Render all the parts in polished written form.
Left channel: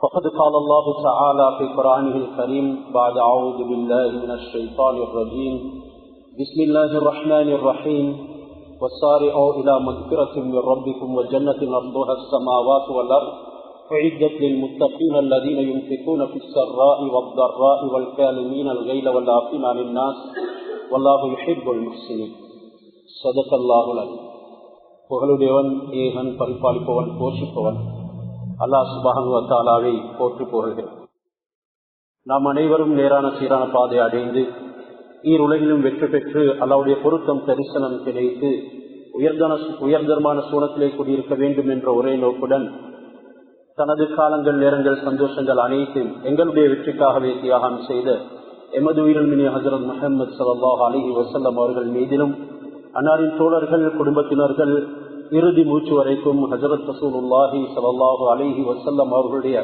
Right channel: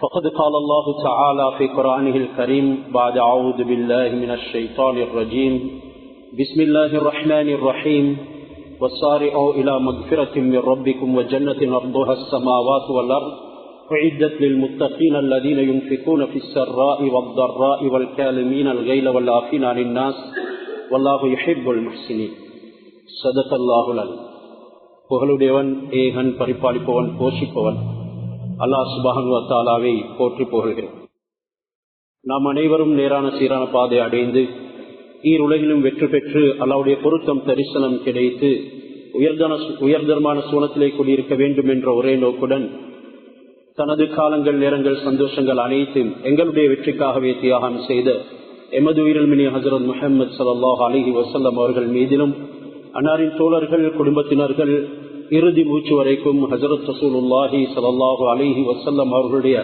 فقد قال الله تعالى في قرآنه الكريم بعد أعوذ بالله من الشيطان الرجيم بسم الله الرحمن الرحيم وسارعوا إلى مغفرة من ربكم وجنة أرضها السماوات والأرض أعدت للمتقين الذين ينفقون في السراء والضراء والكاظمين الغيظ والعافين عن الناس والله يحب المحسنين. صدق الله العظيم. புகழுடையவன் ஏகன் பரிபாலிப்பவன் போஷிப்பவன் அல்லாஹ் சுப்ஹானஹு வ தஆலாவை போற்றி புகழ்கிறோம். நாம் அனைவரும் நேரான சீரான பாதை அடைந்து ஈருலகிலும் வெற்றி பெற்று அல்லாஹ்வுடைய பொருத்தம் தரிசனம் கிடைத்து உயர்தரமான சூனத்திலே கூடியிருக்க வேண்டும் என்ற ஒரே நோக்குடன் தனது காலங்கள் நேரங்கள் சந்தோஷங்கள் அனைத்தும் எங்களுடைய வெற்றிக்காகவே தியாகம் செய்த எமது உயிரில்மினி ஹஜ்ரத் முஹம்மது ஸல்லல்லாஹு அலைஹி வஸல்லம் அவர்கள் மீதிலும் அன்னாரின் தோழர்கள் குடும்பத்தினர்கள் இறுதி மூச்சு வரைக்கும் ஹஜ்ரத் ரசூலுல்லாஹி ஸல்லல்லாஹு அலைஹி வஸல்லம் அவர்களுடைய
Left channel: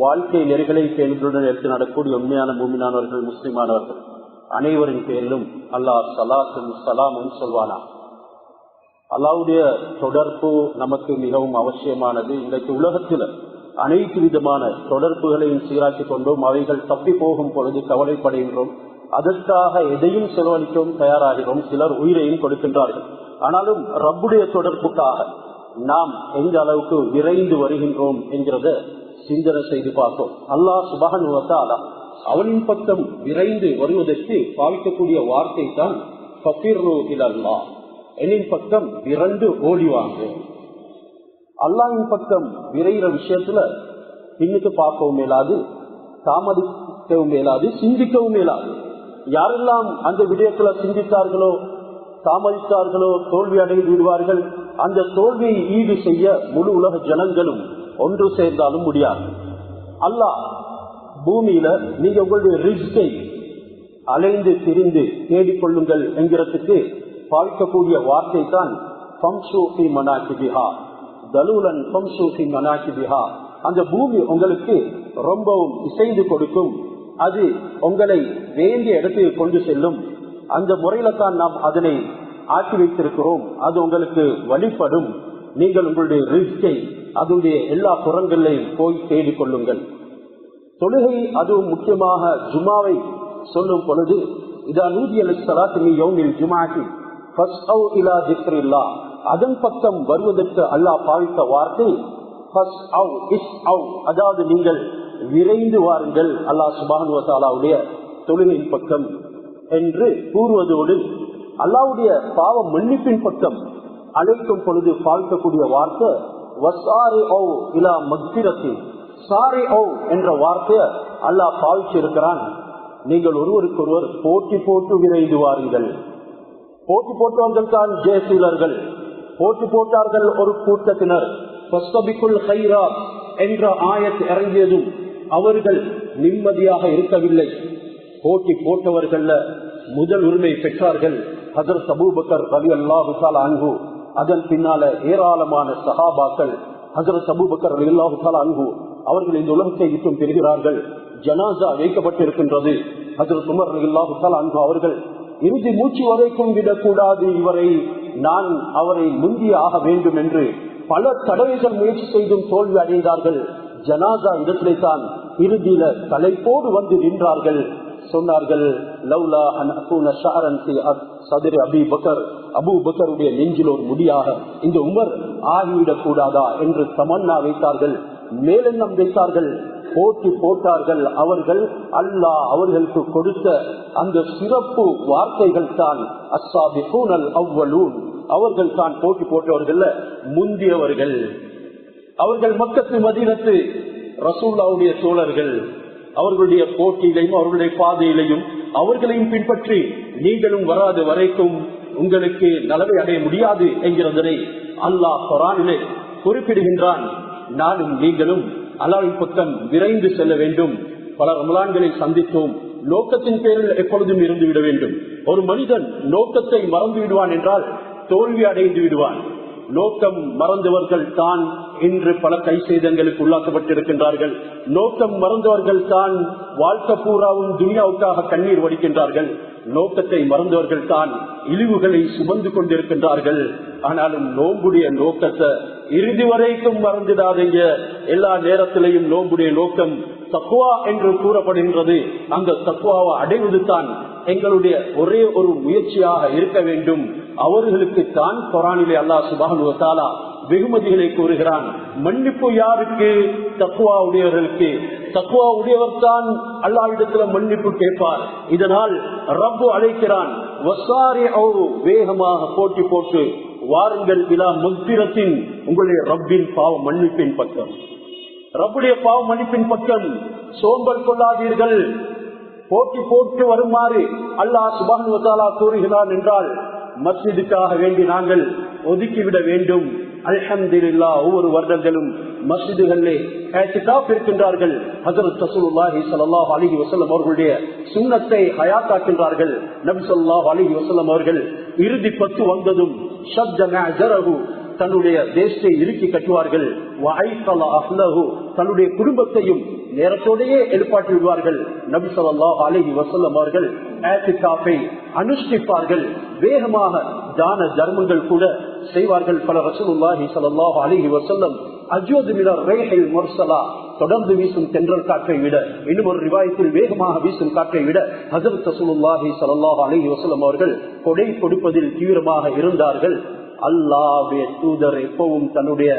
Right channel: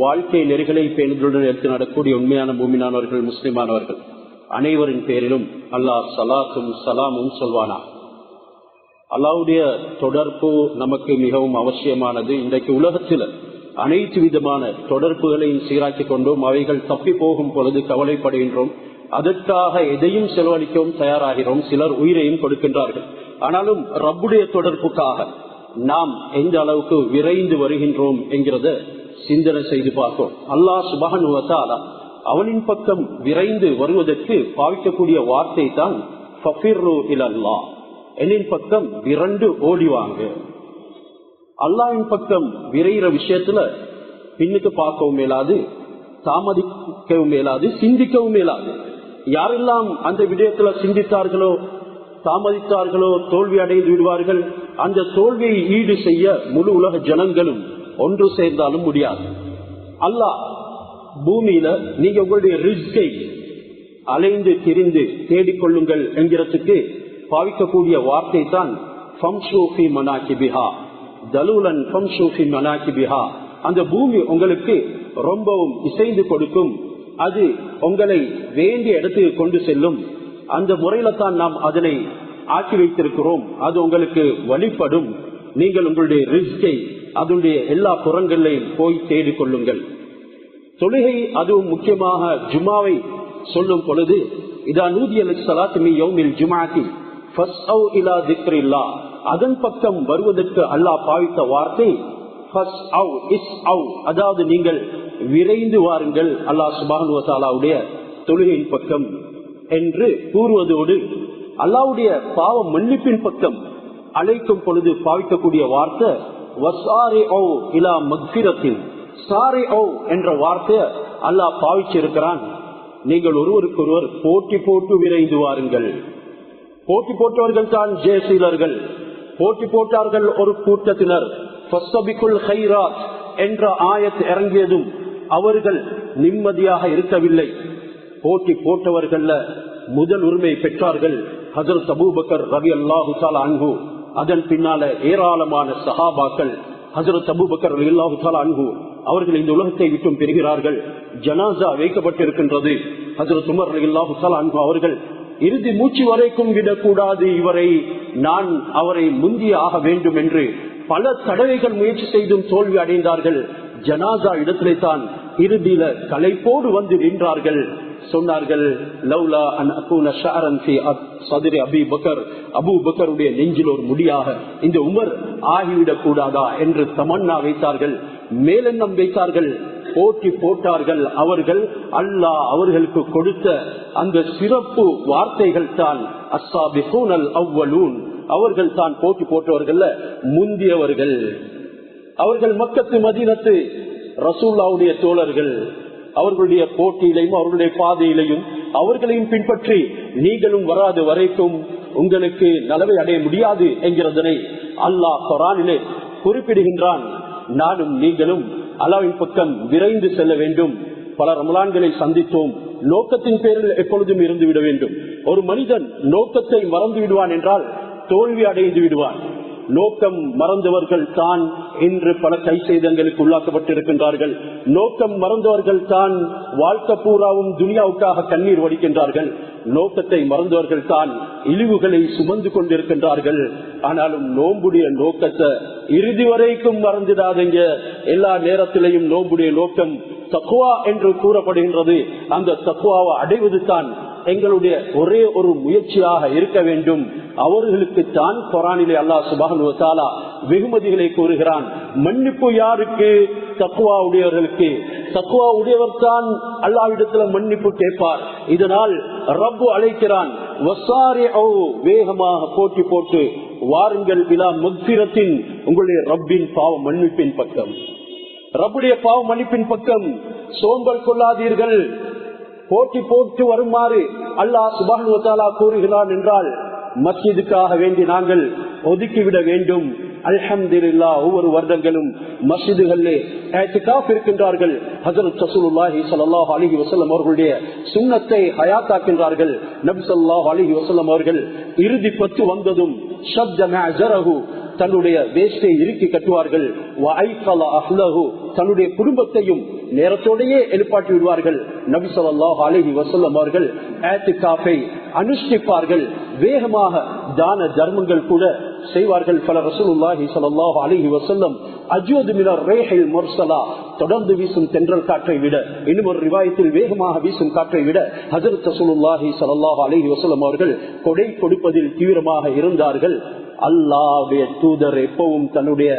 வாழ்க்கை நெறிகளை பேணுதலுடன் எடுத்து நடக்கூடிய உண்மையான மூமினானவர்கள் முஸ்லிமானவர்கள் அனைவரின் பேரிலும் அல்லாஹ் ஸலாத்தும் ஸலாமும் சொல்வானா. அல்லாஹ்வுடைய தொடர்பு நமக்கு மிகவும் அவசியமானது. இன்றைக்கு உலகத்தில் அனைத்து விதமான தொடர்புகளையும் சீராக்கி கொண்டோம். அவைகள் தப்பி போகும் பொழுது கவலைப்படுகின்றோம். அதற்காக எதையும் செலவழிக்கவும் தயாராகிறோம். சிலர் உயிரையும் கொடுக்கின்றார்கள். ஆனாலும் ரப்புடைய தொடர்புக்காக நாம் எந்த அளவுக்கு விரைந்து வருகின்றோம் என்கிறத சிந்தனை செய்து பார்ப்போம். அல்லாஹ் சுப்ஹானஹு வ தஆலா அவனின் பக்கம் விரைந்து வருவதற்கு பாவிக்கக்கூடிய வார்த்தை தான் ஃபஃபிர்ரு இலல்லாஹ், என்னின் பக்கம் விரண்டு ஓடிவாங்க. அல்லாஹ்வின் பக்கம் விரைகிற விஷயத்துல பின்னுக்கு பார்க்கவும் மேலாது, தாமதிக்கவும் மேலாது, சிந்திக்கவும் மேலாது. யாரெல்லாம் அந்த விடயத்துல சிந்தித்தார்களோ தாமதித்தார்களோ தோல்வி அடைந்து விடுவார்கள். அந்த தோல்வியை ஈடு செய்ய முழு உலக ஜனங்களும் ஒன்று சேர்ந்தாலும் முடியாது. அல்லாஹ் பூமியில நீங்க உங்களுடைய ரிஸ்கை அலைந்து திரிந்து தேடிக்கொள்ளுங்கள் என்கிறதுக்கு பாவிக்கக்கூடிய வார்த்தை தான் ஃபம்ஷு ஃபீ மனாகிபிஹா தலூலன் ஃபம்ஷு ஃபீ மனாகிபிஹா. அந்த பூமி உங்களுக்கு ரொம்பவும் இசைந்து கொடுக்கும். அது உங்களை வேண்டிய இடத்துக்கு கொண்டு செல்லும். அந்த முறையில தான் நாம் அதனை ஆக்கி வைத்திருக்கிறோம். அது உங்களுக்கு வழிபடும். நீங்கள் உங்களுடைய ரிஸ்கை அதனுடைய எல்லா புறங்களையும் போய் தேடிக்கொள்ளுங்கள். தொழுகை அதுவும் முக்கியமாக ஜுமாவை சொல்லும் பொழுது இதா நூதிய லிஸ்ஸலாத்தி மின் யௌமில் ஜும்ஆத்தி ஃபஸ்அவ் இலா திக்ரில்லாஹ், அதன் பக்கம் வருவதற்கு அல்லாஹ் பாவித்த வார்த்தை ஃபஸ்அவ் இஸ்அவ், அதாவது நீங்கள் விரைந்து வாருங்கள் அல்லாஹ் சுப்ஹானஹு வ தஆலாவுடைய தொழுகையின் பக்கம் என்று கூறுவதோடு அல்லாஹ்வுடைய பாவ மன்னிப்பின் பக்கம் அழைக்கும் பொழுது பாவிக்கக்கூடிய வார்த்தை வஸாரிஉ இலா மக்ஃபிரத்தின். சாரிஉ என்ற வார்த்தையை அல்லாஹ் பாவிச்சிருக்கிறான். நீங்கள் ஒருவருக்கொருவர் போட்டி போட்டு விரைந்து வாருங்கள். போட்டி போட்டவர்கள் தான் ஜெயசீலர்கள். போட்டி போட்டார்கள் ஒரு கூட்டத்தினர். ஃபஸ்தபிகுல் கைராத் என்ற ஆயத் இறங்கியதும் அவர்கள் நிம்மதியாக இருக்கவில்லை. போட்டி போட்டவர்கள் முதல் உரிமை பெற்றார்கள் ஹஜ்ரத் அபூபக்கர் ரலியல்லாஹு தஆலா அன்ஹு. அதன் பின்னால ஏராளமான சஹாபாக்கள் ஹஜ்ரத் அபூபக்கர் ரலியல்லாஹு தஆலா அன்ஹு அவர்கள் இந்த உலகத்தை விட்டும் பெறுகிறார்கள். ஜனாசா வைக்கப்பட்டிருக்கின்றது. ஹஜ்ரத் உமர் ரலியல்லாஹு தஆலா அன்ஹு அவர்கள் இறுதி மூச்சு வரைக்கும் விடக்கூடாது, இவரை நான் அவரை முந்திய ஆக வேண்டும் என்று பல தடவைகள் முயற்சி செய்தும் தோல்வி அடைந்தார்கள். ஜனாசா இடத்திலே தான் இறுதியில களைப்போடு வந்து நின்றார்கள். சொன்னார்கள் லவ்லா அன் அகூன ஷஅரன் ஃபீ ஸத்ரி அபீ பக்கர், அபூ பக்கருடைய நெஞ்சில் ஒரு முடியாக இந்த உமர் ஆகிவிடக் கூடாதா என்று தமன்னா வைத்தார்கள், மேலெண்ணம் வைத்தார்கள், போட்டி போட்டார்கள். அவர்கள் அல்லாஹ் அவர்களுக்கு கொடுத்த அந்த சிறப்பு வார்த்தைகள் தான் அஸ்ஸாபிகூனல் அவ்வலூன், அவர்கள் தான் போட்டி போட்டவர்கள் முந்தியவர்கள். அவர்கள் மக்கத்து மதீனத்து ரசூலுல்லாஹ்வுடைய தோழர்கள். அவர்களுடைய போட்டியிலையும் அவர்களுடைய பாதையிலையும் அவர்களையும் பின்பற்றி நீங்களும் வராது வரைக்கும் உங்களுக்கு நலவை அடைய முடியாது என்கிறதனை அல்லாஹ் குர்ஆனிலே குறிப்பிடுகின்றான். நானும் நீங்களும் அல்லாஹ்வின் பக்கம் விரைந்து செல்ல வேண்டும். பல ரமலான்களை சந்தித்தோம். நோக்கத்தின் பேரில் எப்பொழுதும் இருந்து விட வேண்டும். ஒரு மனிதன் நோக்கத்தை மறந்து விடுவான் என்றால் தோல்வி அடைந்து விடுவான். நோக்கம் மறந்தவர்கள் தான் இன்று பல கை சேதங்களுக்கு உள்ளாக்கப்பட்டிருக்கின்றார்கள். நோக்கம் மறந்தவர்கள் தான் வாழ்க்கை பூராவும் துனியாவுக்காக கண்ணீர் வடிக்கின்றார்கள். நோக்கத்தை மறந்தவர்கள் தான் இழிவுகளை சுமந்து கொண்டிருக்கின்றார்கள். ஆனாலும் நோம்புடைய நோக்கத்தை இறுதி வரைக்கும் மறந்துடாதீங்க. எல்லா நேரத்திலையும் நோம்புடைய நோக்கம் தக்வா என்று கூறப்படுகின்றது. அந்த தக்வாவை அடைவது தான் எங்களுடைய ஒரே ஒரு முயற்சியாக இருக்க வேண்டும். அவர்களுக்கு தான் குர்ஆனிலே அல்லாஹ் சுப்ஹானஹு வ தஆலா வெகுமதிகளை கூறுகிறான். மன்னிப்பு யாருக்கு? தக்வா உடையவர்களுக்கு. தக்வா உடையவர் தான் அல்லாஹ்விடத்துல மன்னிப்பு கேட்பார். இதனால் ரப்பு அழைக்கிறான், வஸாரிஉ, வேகமாக போட்டி போட்டு வாருங்கள், இலா மக்ஃபிரத்தின், உங்களுடைய ரப்பின் பாவ மன்னிப்பின் பக்கம், ரப்புடைய பாவ மன்னிப்பின் பக்கம். சோம்பல் கொள்ளாதீர்கள். போட்டி போட்டு வருமாறு அல்லாஹ் சுப்ஹானஹு வ தஆலா கூறுகிறான் என்றால் மஸ்ஜிதுக்காக வேண்டி நாங்கள் ஒதுக்கிவிட வேண்டும். அல்ஹம்துலில்லாஹ், ஒவ்வொரு வருடங்களும் மஸ்ஜிதுகளிலே இஅ்திகாஃப் இருக்கின்றார்கள். ஹஜ்ரத் ரசூலுல்லாஹி ஸல்லல்லாஹு அலைஹி வஸல்லம் அவர்களுடைய சுன்னத்தை ஹயாத்தாக்கின்றார்கள். நபி ஸல்லல்லாஹு அலைஹி வஸல்லம் அவர்கள் இறுதி 10 வந்ததும் ஷத்த மஅஜரஹு, தன்னுடைய வேஷ்டை இறுக்கி கட்டுவார்கள். வஐகல அஹ்லஹு, தன்னுடைய குடும்பத்தையும் நேரத்தோடையே எழுப்பாட்டி விடுவார்கள். நபி ஸல்லல்லாஹு அலைஹி வஸல்லம் அவர்கள் இஅ்திகாஃபை அனுஷ்டிப்பார்கள். வேகமாக தான தர்மங்கள் கூட செய்வார்கள். பல ரசூலுல்லாஹி ஸல்லல்லாஹு அலைஹி வஸல்லம் அஜ்வது மினர் ரீஹில் முர்ஸலா, தொடர்ந்து வீசும் தென்றல் காற்றை விட, இன்னும் ஒரு ரிவாயத்தில் வேகமாக வீசும் காற்றை விட ஹஜ்ரத் ரசூலுல்லாஹி ஸல்லல்லாஹு அலைஹி வஸல்லம் அவர்கள் கொடை கொடுப்பதில் தீவிரமாக இருந்தார்கள். அல்லாஹ்வுடைய தூதர் எப்பவும் தன்னுடைய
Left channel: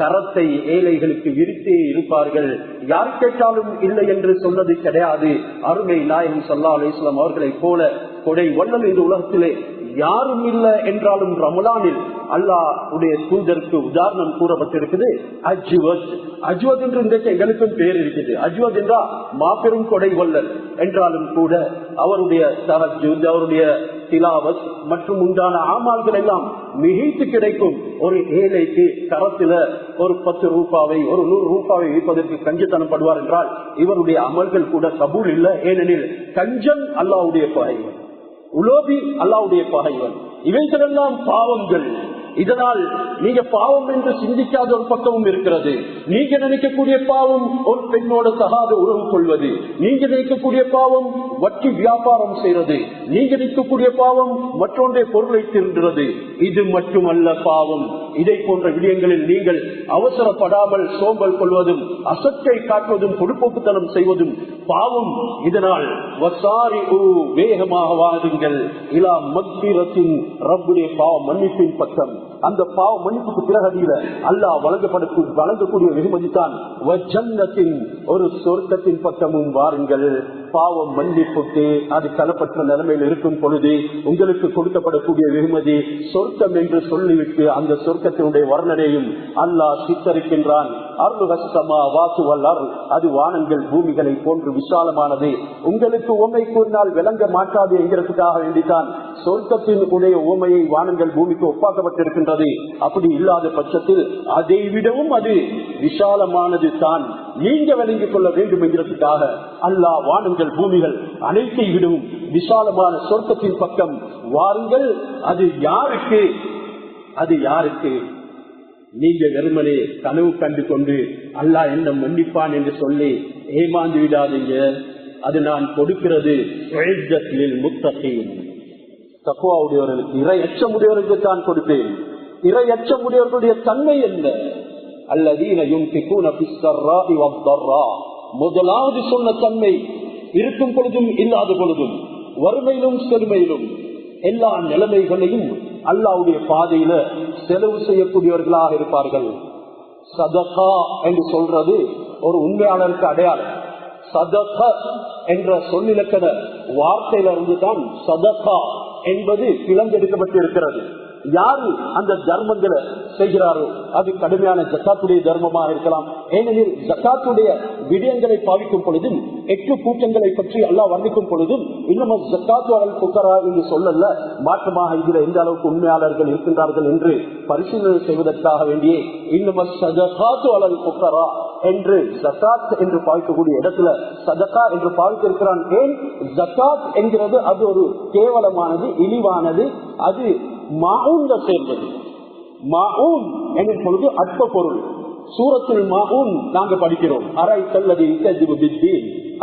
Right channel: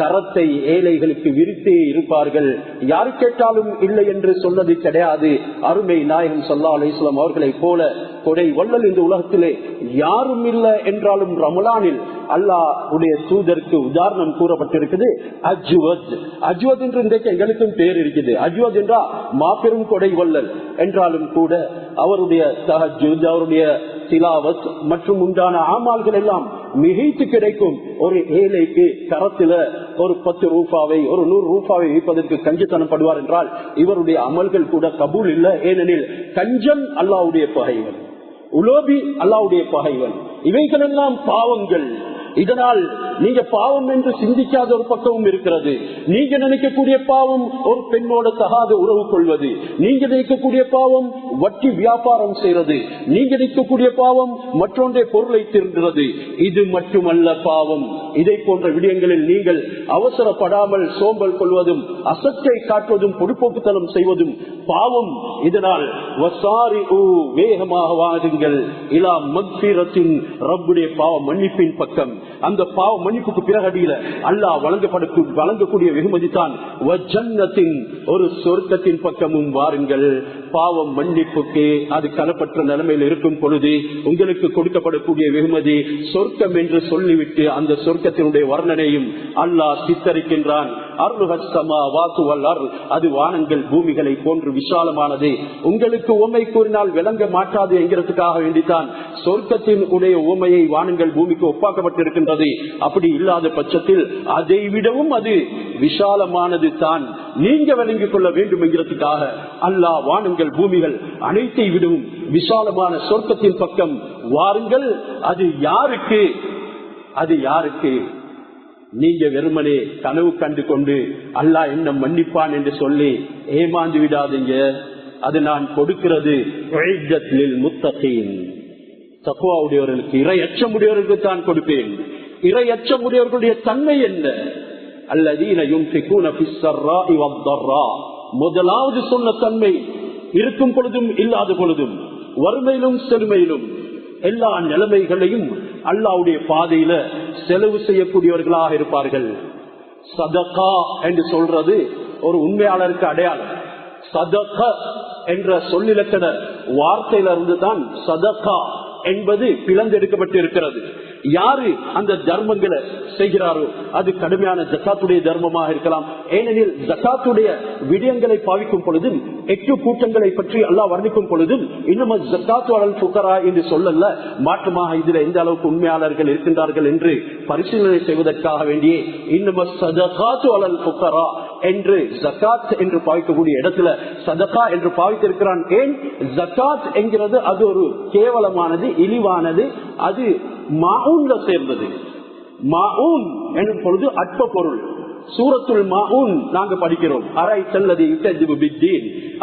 கரத்தை ஏழைகளுக்கு விரித்தே இருப்பார்கள். யாரு கேட்டாலும் இல்லை என்று சொன்னது கிடையாது. அருமை நாயகம் ஸல்லல்லாஹு அலைஹி வஸல்லம் அவர்களை போல கொடை வள்ளல் இந்த உலகத்திலே யாரும் இல்லை என்றாலும் ரமலானில் அல்லாஹ்வுடைய தூதருக்கு உதாரணம் கூறப்பட்டிருக்குது. அஜ்வத், அஜ்வத் என்று இன்றைக்கு எங்களுக்கும் பேர் இருக்குது. அஜ்வத் என்றா மாபெரும் கொடை வள்ளல் என்றாலும் கூட அவருடைய தஹஜ்ஜுத், அவருடைய திலாவத் மற்றும் உண்டான ஆமால்கள் எல்லாம் மிகைத்து கிடைக்கும். ஒரு ஏழைக்கு கரத்துல ஒரு 10 ரூபாவை, ஒரு 100 ரூபாவை வைப்பதற்கு கஞ்சத்தனம் படுவார் என்றால் இவருடைய அமல்கள் கூட கபூல் இல்லை. ஏனெனில் கஞ்சம் அல்லாஹ்வுடைய பகைவன், உலோபி அல்லாஹ்வுடைய பகைவன். இவைகள் எல்லாம் பாவங்கள். இதனால் நீங்க பாவம் என்று சிந்திக்காத ஒரு பக்கமும் இருக்கிறது. நீங்க நினைக்கக்கூடிய பாவம் ஒரு பெண்ணோட தகாத உறவு கொள்வது, நீங்க நினைக்கக்கூடிய பாவம் வட்டி வியாபாரம் செய்வது, நீங்க நினைக்கக்கூடிய பாவம் மற்றொன்றை பொருளை திருடுறது. இது மட்டுமல்ல பாவம். இதை போன்ற விடயங்களில் நீங்கள் அவசரப்படாமல் சோம்பல் கொள்வதும், அசத்தை காட்டுவதும், பொடுப்போக்குத்தனம் செய்வதும் பாவம். இதனால் வஸாரிஉ, வேகமாக வாருங்கள், இலா மக்ஃபிரத்தின், ரப்புடைய பாவ மன்னிப்பின் பக்கம். அந்த பாவ மன்னிப்புக்கு பிறகடியில அல்லாஹ் வழங்கக்கூடிய வெகுமதி தான் வஜன்னத்தின், ஒரு சொர்க்கத்தின் பக்கமும் வாருங்கள். பாவம் மன்னிப்புக்கு அது கலப்பற்ற நிலைமையில் இருக்கும் பொழுது உங்களுக்கு கொடுக்கப்படக்கூடிய வெகுமதி சொர்க்கம் என்று சொல்லிவிட்டு அந்த சொர்க்கத்தினுடைய வர்ணனையும் அல்லாஹ் சித்தரிக்கின்றான். அது வானங்கள் பூமிகளை போன்று விசாலமானது. உங்களுக்கு உவமை கூறினால் விளங்க மாட்டாது என்கிறதுக்காக வேண்டித்தான் சொர்க்கத்தின் உடைய உவமையை வானங்கள் பூமிக்கு ஒப்பாக்கப்பட்டிருக்கின்றது. அப்படி இல்லாத பட்சத்தில் அதை விடவும் அது விசாலமானது தான் நீங்க விளங்கிக் கொள்ள வேண்டும் என்கிறதுக்காக அல்லாஹ் வானங்கள் பூமிகள் அனைத்தை விடவும் விசாலமான சொர்க்கத்தின் பக்கம் வாருங்கள். அது யாருக்கு? அது யாருக்கு? நீங்க வெறுமனே கனவு கண்டு கொண்டு அல்லாஹ் என்ன மன்னிப்பான் என்று சொல்லி ஏமாந்து விடாதீங்க. அது நான் கொடுக்கிறது முத்தகீன், தக்வாவுடையவர்களுக்கு, இறை அச்சமுடையவர்களுக்கு தான் கொடுப்பேன். இறை அச்சமுடையவர்களுடைய தன்மை என்ன? அல்லதீன யுன்ஃபிகூன ஃபிஸ்ஸர்ராஇ வத்தர்ரா, முதலாவது சொன்ன தன்மை இருக்கும் பொழுதும் இல்லாத பொழுதும், வறுமையிலும் செழுமையிலும், எல்லா நிலைமைகளையும் அல்லாஹ்வுடைய பாதையில செலவு செய்யக்கூடியவர்களாக இருப்பார்கள். சதகா என்று சொல்றது ஒரு உண்மையாளருக்கு அடையாளம். சதகா என்ற சொல்லிலக்கண வார்த்தையில இருந்து தான் சதகா என்பது பிளந்தெடுக்கப்பட்டு இருக்கிறது. யாரு அந்த தர்மங்களை செய்கிறாரோ அது கடுமையான ஜகாத்துடைய தர்மமாக இருக்கலாம். ஏனெனில் ஜகாத்துடைய விடயங்களை பாவிக்கும் பொழுதும் 8 கூட்டங்களை பற்றி அல்லாஹ் வர்ணிக்கும் பொழுதும் இன்னும் ஜகாத்து அலல் ஃபுகரா என்று சொல்லல, மாற்றமாக இதுல எந்த அளவுக்கு உண்மையாளர்கள் இருக்கின்றார்கள் என்று பரிசீலனை செய்வதற்காக வேண்டியே இன்னும் சதகாத்து அலல் ஃபுகரா என்று ஜகாத் என்று பாவிக்கக்கூடிய இடத்துல சதகா என்று பாவித்திருக்கிறான். ஏன்? ஜகாத் என்கிறது அது ஒரு கேவலமானது, இழிவானது, அது மாஊன்ல சேர்ந்தது. மாஊன் என்னும் பொழுது அற்ப பொருள். சூரத்துல் மாஊன் நாங்க படிக்கிறோம். அரை செல்லது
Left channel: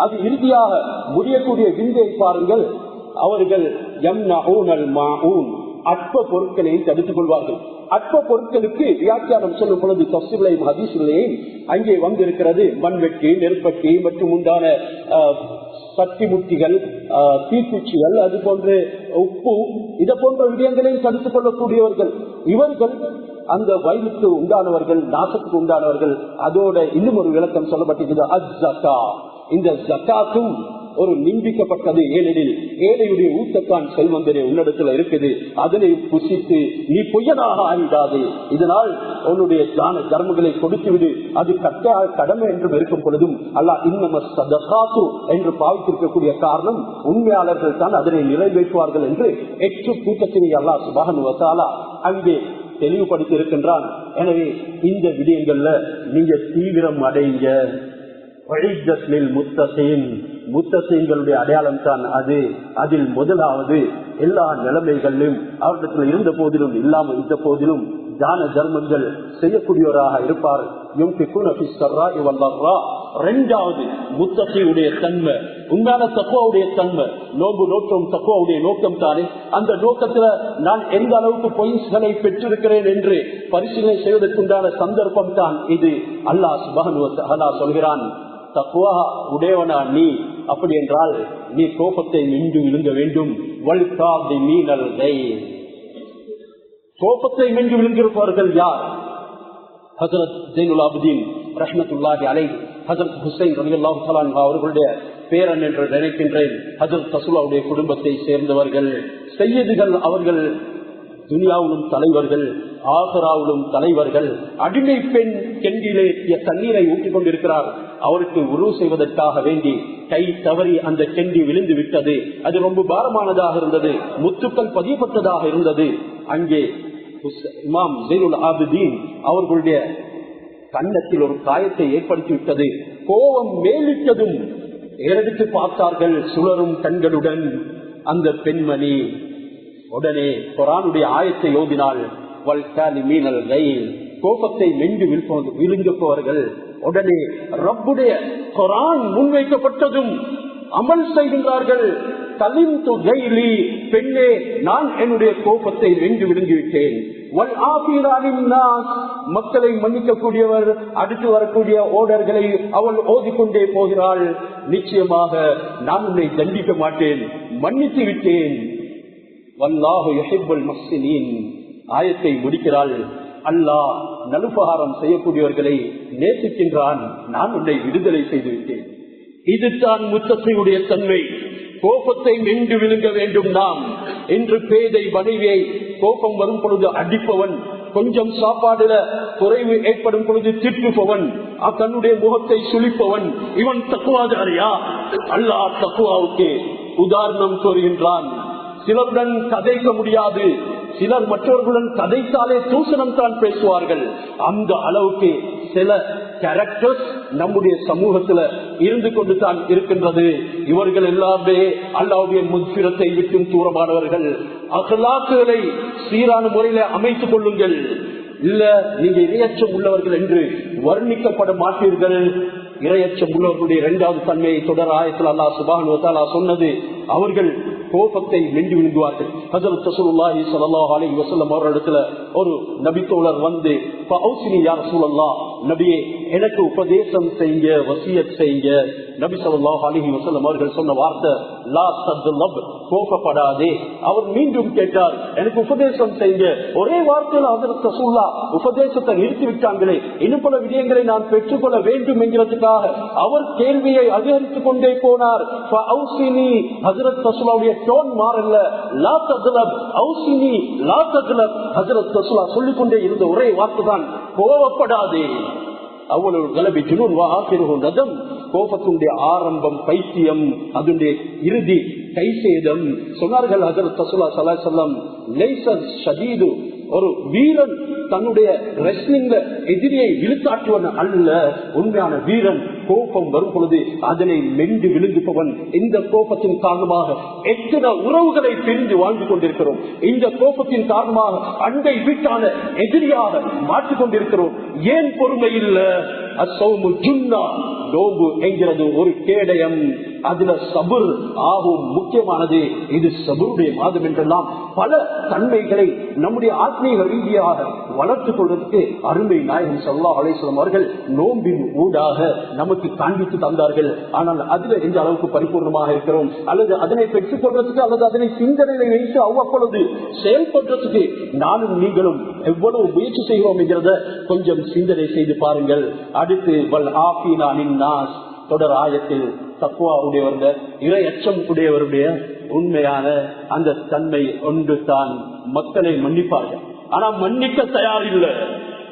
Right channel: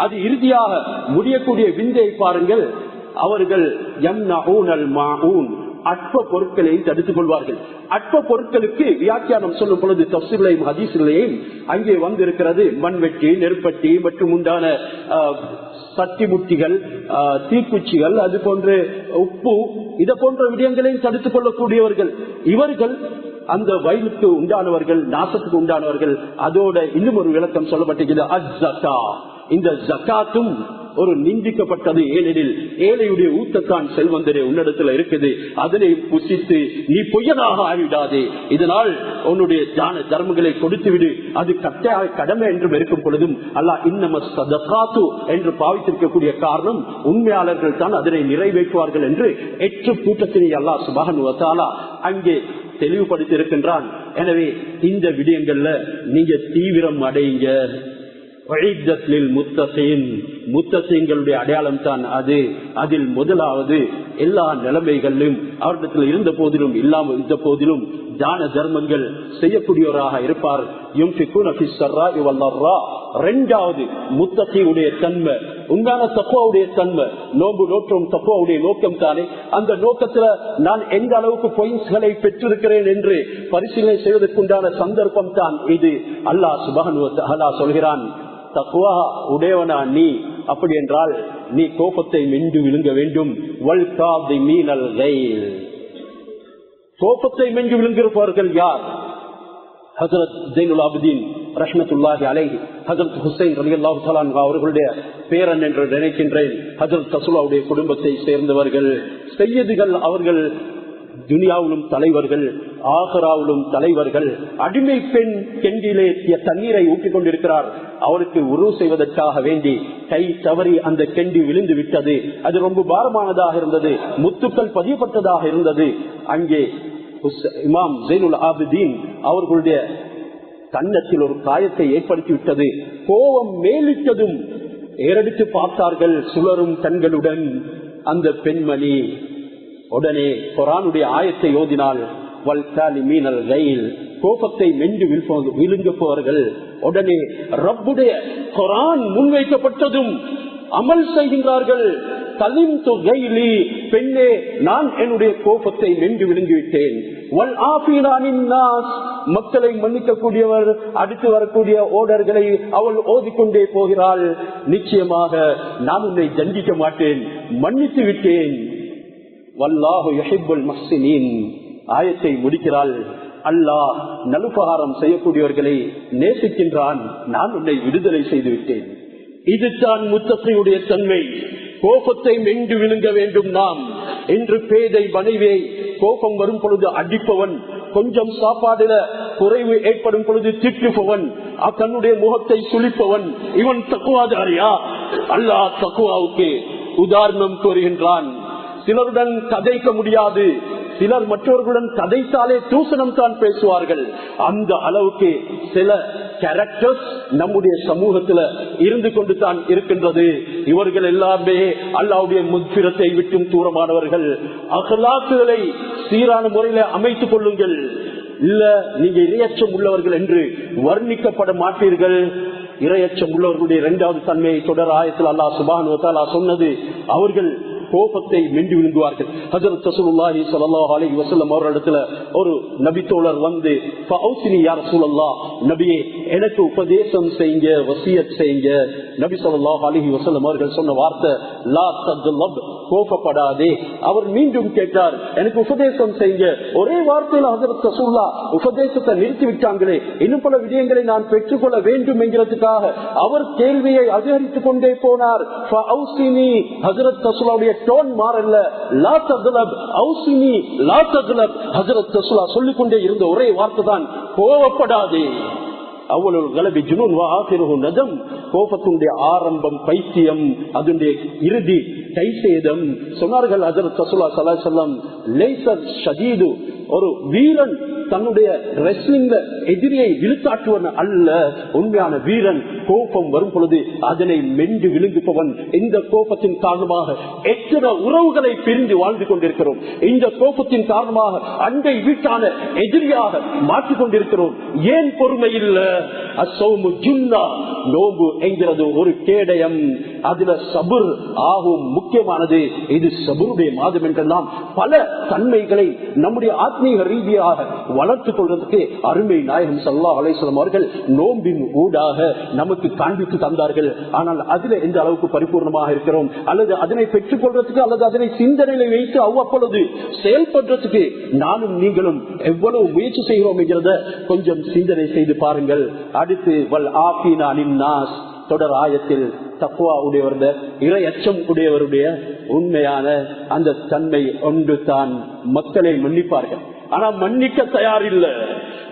அது இறுதியாக முடியக்கூடிய விந்தை பாருங்கள். அவர்கள் யம்னஊனல் மாஊன் அற்ப பொருட்களையும் தடுத்துக் கொள்வார்கள். அற்ப பொருட்களுக்கு வியாக்கியானம் சொல்லும் பொழுது தஃசீரிலேயும் ஹதீஸிலேயும் அங்கே வந்திருக்கிறது மண்வெட்டி, நெருப்பட்டி மற்றும் உண்டான சட்டி முட்டிகள், தீக்குச்சிகள், அது போன்ற உப்பு, இதை போன்ற விடயங்களையும் தடுத்துக் கொள்ளக்கூடியவர்கள் இவர்கள். அந்த வயலுக்கு உண்டானவர்கள், நாசத்துக்கு உண்டானவர்கள். அதோட இன்னும் ஒரு விளக்கம் சொல்லப்பட்டிருக்கிறது, அஸ்ஸகா. இந்த ஜகாத்தும் ஒரு நிந்திக்கப்பட்டது. ஏனெனில் ஏழையுடைய ஊத்தத்தான் செல்வந்தரே உன்னிடத்துல இருக்குது, அதனை புசித்து நீ பொய்யனாக ஆகிவிடாதே, இதனால் உன்னுடைய தான தர்மங்களை கொடுத்து விடு, அது கட்டாய கடமை என்றும் இருக்கும் பொழுதும் அல்லாஹ் இன்னம ஸதகாத்து என்று பாவித்திருக்கக்கூடிய காரணம் உண்மையாளர்கள் தான் அதனை நிறைவேற்றுவார்கள் என்று 8 கூட்டத்தினை அல்லாஹ் சுப்ஹானஹு வ தஆலா அங்கே தெளிவுபடுத்தி இருக்கின்றான். எனவே இந்த விடயங்கள்ல நீங்க தீவிரம் அடைங்க. முத்தகீன்களுடைய அடையாளம் தான் அது. அதில் முதலாவது எல்லா நிலைமைகளிலும் அவரிடத்தில் இருந்த போதிலும் இல்லாமல் இருந்த போதிலும் தான தர்மங்கள் செய்யக்கூடியவராக இருப்பார். இரண்டாவது முத்தகீனுடைய தன்மை, உண்டான தக்வாவுடைய தன்மை. நோன்பு நோக்கம் தக்வாவுடைய நோக்கம் தானே. அந்த நோக்கத்துல நான் எந்த அளவுக்கு பாயிண்ட்ஸ்களை பெற்றிருக்கிறேன் என்று பரிசீலனை செய்வதற்குண்டான சந்தர்ப்பம் தான் இது. அல்லாஹ் சுப்ஹானஹு வ தஆலா சொல்கிறான், தக்வா உடையவனா நீ, அப்படி என்றால் நீ கோபத்தை மிண்டு விழுங்க வேண்டும். கோபத்தை மிண்டு விழுங்குகிறவர்கள் யார்? ஹஜ்ரத் ஸைனுல் ஆபிதீன் ரஹ்மத்துல்லாஹி அலைஹி, ஹஜ்ரத் ஹுசைன் ரலியல்லாஹு தஆலா அன்ஹு அவர்களுடைய பேரன் என்று நினைக்கின்றேன். ஹஜ்ரத் ரசூலுல்லாஹுடைய குடும்பத்தை சேர்ந்தவர்கள், சையதுகள். அவர்கள் துனியாவிலும் தலைவர்கள், ஆகிராவிலும் தலைவர்கள். அடிமை பெண் கெண்டிலே தண்ணீரை ஊற்றிக் கொண்டிருக்கிறார். அவருக்கு உரு செய்வதற்காக வேண்டி கை தவறி அந்த கெண்டி விழுந்து விட்டது. அது ரொம்ப பாரமானதாக இருந்தது, முத்துக்கள் பதியப்பட்டதாக இருந்தது. அங்கே இமாம் ஸைனுல் ஆபிதீன் அவர்களுடைய கன்னத்தில் ஒரு காயத்தை ஏற்படுத்திவிட்டது. கோபம் மேலிட்டதும் ஏறெடுத்து பார்த்தார்கள் சுழரும் கண்களுடன். அந்த பெண்மணி உடனே குர்ஆனுடைய ஆயத்தை ஓதினாள். கோபத்தை மென்று விழுங்குபவர்கள். உடனே ரப்புடைய குர்ஆன் முன்வைக்கப்பட்டதும் அமல் செய்கின்றார்கள். பெண்ணே, நான் என்னுடைய கோபத்தை வென்று விழுங்கிவிட்டேன். மக்களை மன்னிக்கக்கூடியவர். அடுத்து வரக்கூடிய ஓடர்களை அவள் ஓதிக்கொண்டே போகிறாள். நிச்சயமாக நான் உன்னை தண்டிக்க மாட்டேன், மன்னித்து விட்டேன். வல்லாஹு யுஹிப்புல் முஹ்சினீன். ஆயத்தை முடிக்கிறாள். அல்லாஹ் நலுபகாரம் செய்யக்கூடியவர்களை நேசிக்கின்றான், நான் உன்னை விடுதலை செய்து விட்டேன். இதுதான் முத்தகீனுடைய தன்மை. கோபத்தை மென்று விழுங்க வேண்டும் நாம். என்று பேதை மனைவியை கோபம் வரும் பொழுது அடிப்பவன், கொஞ்சம் சாப்பாடுல குறைவு ஏற்படும் பொழுது திட்டுபவன், தன்னுடைய முகத்தை சுளிப்பவன், இவன் தக்குவாதாரியா? அல்லாஹ் தக்குவாவுக்கு உதாரணம் கூறுகின்றான். சிலருடன் கதைக்க முடியாது, சிலர் மற்றவர்களுடன் கதைத்தாலே தூசணம் தான் பேசுவார்கள். அந்த அளவுக்கு சில கேரக்டர்ஸ் நம்முடைய சமூகத்துல இருந்து கொண்டு தான் இருக்கின்றது. இவர்கள் எல்லாமே அல்லாஹ்வுடைய மக்ஃபிரத்தை விட்டும் தூரமானவர்கள். அக்லாக்குகளை சீரான முறையில அமைத்துக் கொள்ளுங்கள். இல்ல நீங்க இரையச்சம் உள்ளவர்கள் என்று வர்ணிக்கப்பட மாட்டீர்கள். இரையச்சம் உள்ளவர்களுடைய இரண்டாவது தன்மையை தொடர் ஆயத்தில் அல்லாஹ் சுப்ஹானஹு வ தஆலா சொன்னது, அவர்கள் கோபத்தை மென்று விழுங்குவார்கள். ஹஜ்ரத் ரசூலுல்லாஹி ஸல்லல்லாஹு அலைஹி வஸல்லம் அவர்களிடத்துல ஒரு நபி தோழர் வந்து, ஃபௌசினி யா ரசூலல்லாஹ், நபியே எனக்கு உபதேசம் செய்யுங்க, வசியத் செய்யுங்க. நபி ஸல்லல்லாஹு அலைஹி வஸல்லம் அவர்கள் சொன்ன வார்த்தை லா தத்லப், கோபப்படாதே. அவர் மீண்டும் கேட்டார், எனக்கு உபதேசம் செய்யுங்க. ஒரே வார்த்தையில் ஹஜ்ரத் ரசூலுல்லாஹ் உபதேசத்தை நிறுத்தி விட்டாங்களே, இன்னும் பல விடயங்களை நான் பெற்றுக்கொள்ள வேண்டும் என்கிறதுக்காக அவர் கேள்வியை அதிகரித்துக் கொண்டே போனார். ஃபௌசினி, ஹஜ்ரத் ரசூலுல்லாஹ்வுடைய டோன் மாறல்ல, லா தத்லப் ஔசினி லா தத்லப். ஹஜ்ரத் ரசூலுல்லாஹ் சொல்லிக் கொண்டே இருந்த ஒரே வார்த்தை தான் கோபப்படாதே. அவ்வளவு கலபி ஜுனூன் வ ஆகிருஹு நதம். கோபத்துடைய ஆரம்பம் பைத்தியம், அதனுடைய இறுதி கைசேதம். சொன்னார்கள் ஹஜ்ரத் ரசூலுல்லாஹ் ஸல்லல்லாஹு அலைஹி வஸல்லம், லைஸ ஷதீது, ஒரு வீரன் தன்னுடைய ரெஸ்லிங்ல எதிரியை விழுத்தாட்டுவன் அல்ல. உண்மையான வீரன் கோபம் வரும் பொழுது அதனை மென்று விழுங்குபவன். இந்த கோபத்தின் காரணமாக எத்தனை உறவுகளை பிரிந்து வாழ்ந்து கொண்டிருக்கிறோம். இந்த கோபத்தின் காரணமாக அண்டை வீட்டான எதிரியாக மாற்றிக் கொண்டிருக்கிறோம். ஏன் பொறுமை இல்ல? அஸ்ஸௌமு ஜுன்னா, நோம்பு என்கிறது ஒரு கேடயம். அதுல சபுர் ஆகும் முக்கியமானது. இது சபுருடைய மாதம் என்றெல்லாம் பல தன்மைகளை நம்முடைய ஆத்மீக ரீதியாக வளர்த்துக் கொள்வதற்கு அருமை நாயகம் ஸல்லல்லாஹு அலைஹி வஸல்லம் அவர்கள் நோம்பின் ஊடாக நமக்கு காண்பித்து தந்தார்கள். ஆனால் அதுல எந்த அளவுக்கு பரிபூர்ணமாக இருக்கிறோம், அல்லது அதனை பெற்றுக் கொள்வதற்கு, அல்லது அதனை சிந்தனையை வைத்து அவ்வப்பொழுது செயல்படுறதுக்கு நானும் நீங்களும் எவ்வளவு முயற்சி செய்கிறோம் என்கிறத கொஞ்சம் சிந்தனை செய்து பாருங்கள். அடுத்து வல் ஆஃபீனா அனின் நாஸ் தொடர் ஆயத்தில் தக்வா உடையவருடைய, இறை அச்சம் உடையவருடைய உண்மையான அந்த தன்மை ஒன்று தான் மக்களை மன்னிப்பார்கள். ஆனா மன்னிக்க தயார் இல்லை.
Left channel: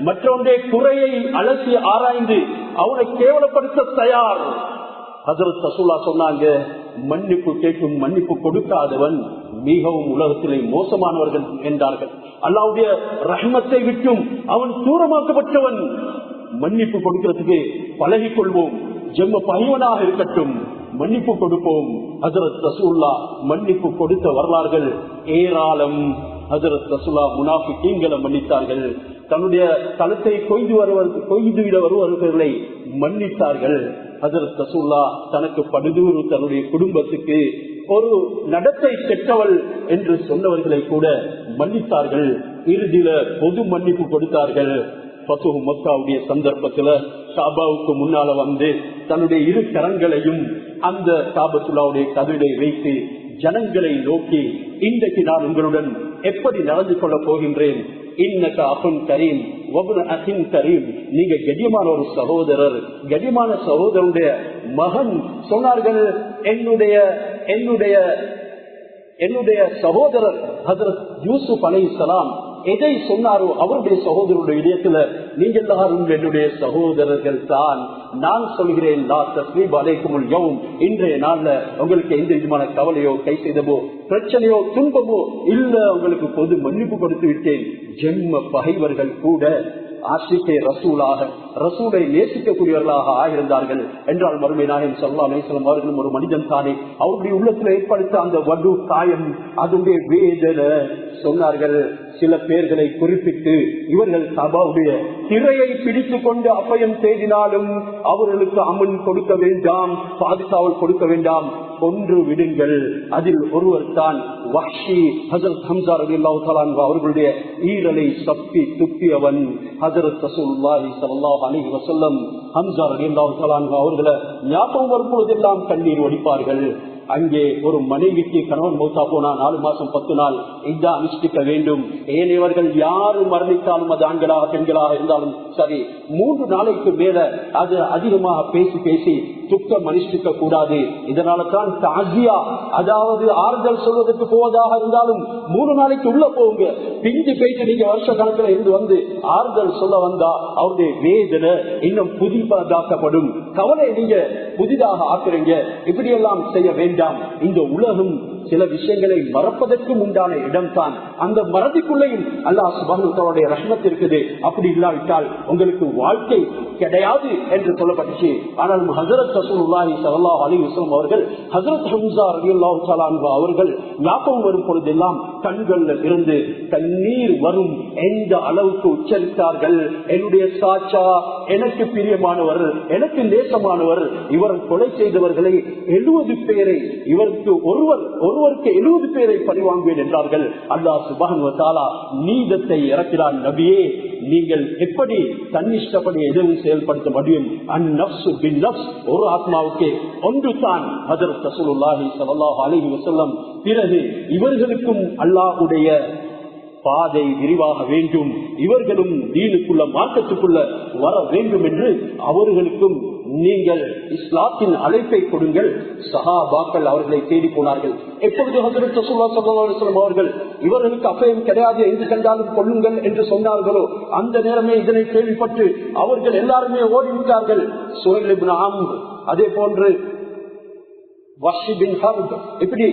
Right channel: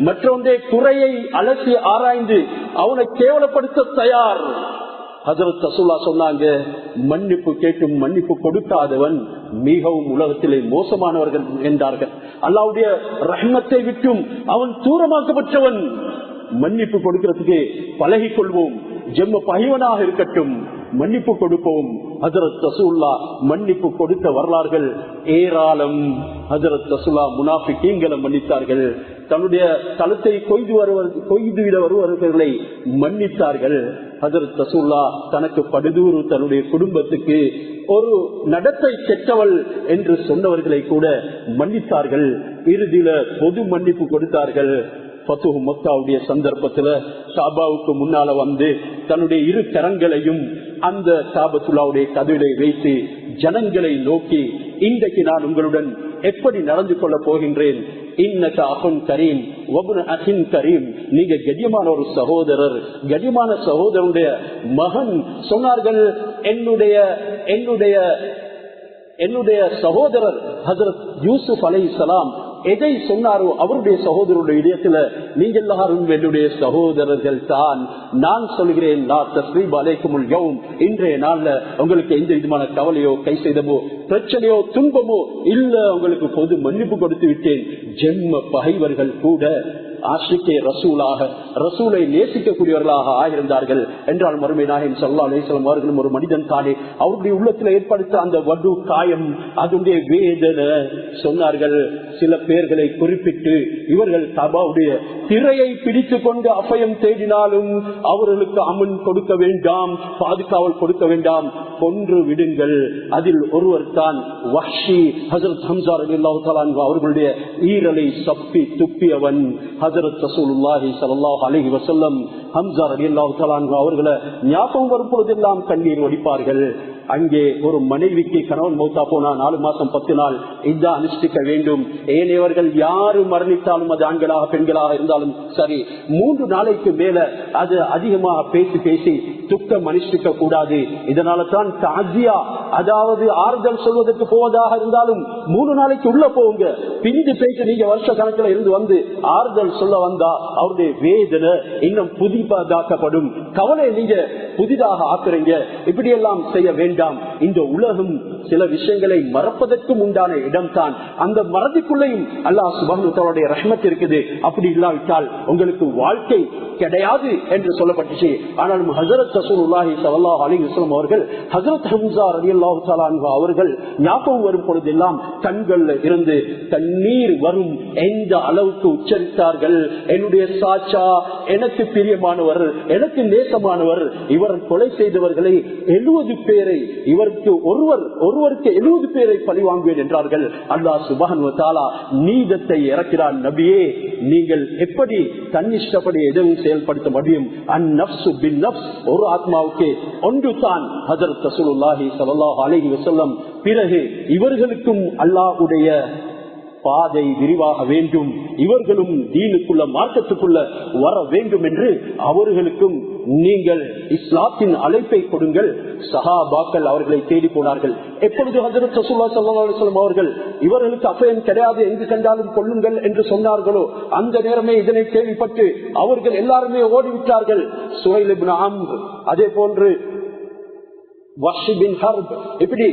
மற்றொன்றே குறையை அலசி ஆராய்ந்து அவனை கேவலப்படுத்த தயார். ஹஜ்ரத் ரசூலுல்லாஹ் சொன்னாங்க, மன்னிப்பு கேட்டும் மன்னிப்பு கொடுக்காதவன் மிகவும் உலகத்திலே மோசமானவர்கள் என்றார்கள். அல்லாஹ்வுடைய ரஹ்மத்தை விட்டும் அவன் தூரமாக்கப்பட்டவன். மன்னிப்பு கொடுக்கிறதுக்கு பழகிக் கொள்வோம். ஜென்ம பகைவனாக இருக்கட்டும், மன்னிப்பு கொடுப்போம். ஹஜ்ரத் ரசூலுல்லாஹ் மன்னிப்பு கொடுத்த வரலாறுகள் ஏராளம். ஹஜ்ரத் ரசூலுல்லாஹ் முனாஃபிகீன்களை மன்னித்தார்கள். தன்னுடைய தலத்தை கொய்துவிட வருவர்களை மன்னித்தார்கள். ஹஜ்ரத் ரசூலுல்லாஹ் தனக்கு படுதூறு தன்னுடைய குடும்பத்துக்கு ஒரு நடத்தை கெட்டவள் என்று சொன்னவர்களை கூட மன்னித்தார்கள். இறுதியில பொது மன்னிப்பு கொடுத்தார்கள். ஃபத்ஹு மக்காவுடைய சந்தர்ப்பத்துல காபாவுக்கு முன்னால வந்து தன்னுடைய இரு கரங்களையும் அந்த காபத்துல்லாவுடைய கதவிலை வைத்து ஜனங்களை நோக்கி, இன்றைக்கு நான் உங்களுடன் எப்படி நடந்து கொள்ள போகின்றேன், இன்னக அகுன் கரீம் வப்னு அகின் கரீம், நீங்க கண்ணியமான ஒரு சகோதரர், கண்ணியமான சகோதரனுடைய மகன். சொன்னார்கள், என்னுடைய சகோதரர் ஹஜ்ரத் யூசுப் அலைஹிஸ்ஸலாம் எதை சொன்னாரோ அவருடைய சகோதரருடைய இதயத்துல நீங்க எல்லாரும் என்னுடைய சகோதரர்கள் தான். நான் சொல்கிறேன், இன்றைய நாள்ல உங்களுக்கு எந்த விதமான கவலையோ கை செய்தமோ பிரச்சனையோ துன்பமோ இல்ல, உங்களுக்கு பொது மன்னிப்பு கொடுத்து விட்டேன். ஜென்ம பகைவர்கள் கூட ஆஷிக்கே ரசூலாக, ரசூலை நேசிக்கக்கூடியவர்களாக ஆகியிருந்தார்கள் என்றால் மறுமை நாயகம் ஸல்லல்லாஹு அலைஹி வஸல்லம் அவர்களும் ஒரு மனிதன் தானே. அவருடைய உள்ளத்தில் ஏற்படுத்த அந்த வடு காயம், அதனுடைய வேதனை சொன்னார்கள். சில பேர்களை குறிப்பிட்டு, இவர்கள் கபாவுடைய திரையை பிடித்துக் கொண்டு அபயம் தேடினாலும் அவர்களுக்கு அமன் கொடுக்க வேண்டாம், பாதுகாவல் கொடுக்க வேண்டாம், கொன்று விடுங்கள். அதில் ஒருவர் தான் வஹ்ஷி, ஹஜ்ரத் ஹம்ஸா ரலியல்லாஹு தஆலா அன்ஹு அவர்களுடைய ஈரலை சப்பி துப்பியவன். ஹஜ்ரத் ரசூலுல்லாஹி ஸல்லல்லாஹு அலைஹி வஸல்லம் ஹம்ஸா ரலியல்லாஹு தஆலா அன்ஹு அவர்களை ஞாபகம் வரும் பொழுதெல்லாம் கண்ணீர் வடிப்பார்கள். அங்கே ஒரு மனைவிக்கு கணவன் மௌத்தா போனா 4 மாசம் 10 நாள் இதா அனுஷ்டிக்க வேண்டும். ஏனையவர்கள் யாரு மரணித்தாலும், அது ஆண்களாக பெண்களாக இருந்தாலும் சரி, 3 நாளைக்கு மேல அது அதிகமாக பேசி பேசி துக்கம் அனுஷ்டிக்க கூடாது. இதனால தான் தாஜியா, அதாவது ஆறுதல் சொல்வதற்கு போவதாக இருந்தாலும் 3 நாளைக்கு உள்ள போங்க. பிந்து போயிட்டு நீங்க வருஷ கணக்கில் இருந்து வந்து ஆறுதல் சொல்ல வந்தா அவருடைய வேதனை இன்னும் புதிதாக்கப்படும். கவலை நீங்க புதிதாக ஆக்குறீங்க. இப்படி எல்லாம் செய்ய வேண்டாம். இந்த உலகம் சில விஷயங்களை மறப்பதற்கும் உண்டான இடம் தான். அந்த மறதிக்குள்ளேயும் அல்லாஹ் சுப்ஹானஹு வ தஆலாவுடைய ரஹ்மத் இருக்குது. அப்படி இல்லாவிட்டால் உங்களுக்கு வாழ்க்கை கிடையாது என்று சொல்லப்பட்டுச்சு. ஆனால் ஹஜ்ரத் ரசூலுல்லாஹி ஸல்லல்லாஹு அலைஹி வஸல்லம் அவர்கள் ஹஜ்ரத் ஹம்ஸா ரலியல்லாஹு தஆலா அன்ஹு அவர்கள் ஞாபகம் வரும் பொழுதெல்லாம் கண்கள்ல இருந்து கண்ணீர் வரும். எந்த அளவுக்கு உச்சரித்தார்கள், என்னுடைய சாச்சா, எனக்கு பிரியமானவர், எனக்கு நேசமானவர், இவர் கொலை செய்தவர்களை 70 பேரை, இவருக்கு ஒருவருக்கு 70 பேரை பழிவாங்குவேன் என்றார்கள். அல்லாஹ் சுப்ஹானஹு வ தஆலா நீதத்தை இறக்கிறான். நபியே, நீங்கள் எப்படி தன்னிஷ்டப்படி எதுவும் செயல்படுத்த முடியும்? அந்நஃப்ஸு பின்னஃப்ஸ், ஒரு ஆத்மாவுக்கு ஒன்று தான். ஹஜ்ரத் ரசூலுல்லாஹி ஸல்லல்லாஹு அலைஹி வஸல்லம் பிறகு இவர்களுக்கும் அல்லாஹ்வுடைய பாதை விரிவாக வேண்டும், இவர்களும் தீனுக்குள்ள மார்க்கத்துக்குள்ள வர வேண்டும் என்று அவர்களுக்கும் நீங்கள் இஸ்லாத்தின் அழைப்பை கொடுங்கள். சஹாபாக்கள் அவர்களை தேடி போனார்கள். எப்பொழுது ஹஜ்ரத் ரசூலுல்லாஹி ஸல்லல்லாஹு அலைஹி வஸல்லம் அவர்கள் இவர்களுக்கு அபயம் கிடையாது, எங்கு கண்டாலும் கொல்லுங்கள் என்று சொன்னார்களோ அந்த நேரமே இதனை கேள்விப்பட்டு அவர்கள் எல்லாருமே ஓடிவிட்டார்கள். சுஹைல் இப்னு அம்ர், அதே போன்று வஹ்ஷி பின் ஹர்ப், இப்படி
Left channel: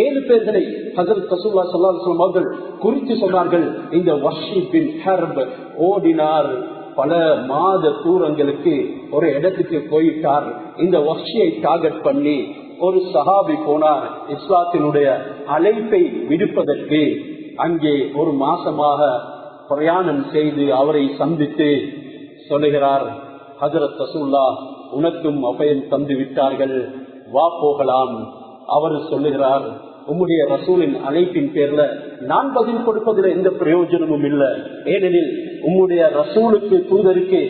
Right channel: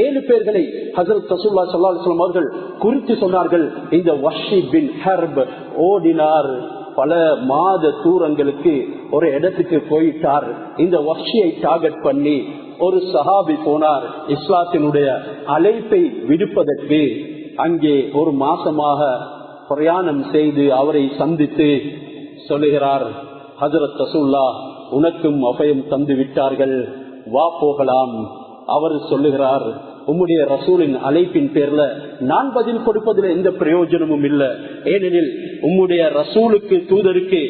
7 பேர்களை ஹஜ்ரத் ரசூலுல்லாஹி ஸல்லல்லாஹு அலைஹி வஸல்லம் அவர்கள் குறித்து சொன்னார்கள். இந்த வஹ்ஷி பின் ஹர்ப் ஓடினார், பல மாத தூரங்களுக்கு ஒரு இடத்துக்கு போயிட்டார். இந்த வஹ்ஷியை டார்கெட் பண்ணி ஒரு சஹாபி போனார் இஸ்லாத்தினுடைய அழைப்பை விடுப்பதற்கு. அங்கே ஒரு மாசமாக பிரயாணம் செய்து அவரை சந்தித்து சொல்லுகிறார், ஹஜ்ரத் ரசூலுல்லாஹ் உனக்கும் அபயம் தந்து விட்டார்கள், வா போகலாம். அவர் சொல்லுகிறார், உம்முடைய ரசூலின் அழைப்பின் பேர்ல நான் பதில் கொடுப்பதில் எந்த பிரயோஜனமும் இல்லை. ஏனெனில் உம்முடைய ரசூலுக்கு தூதருக்கு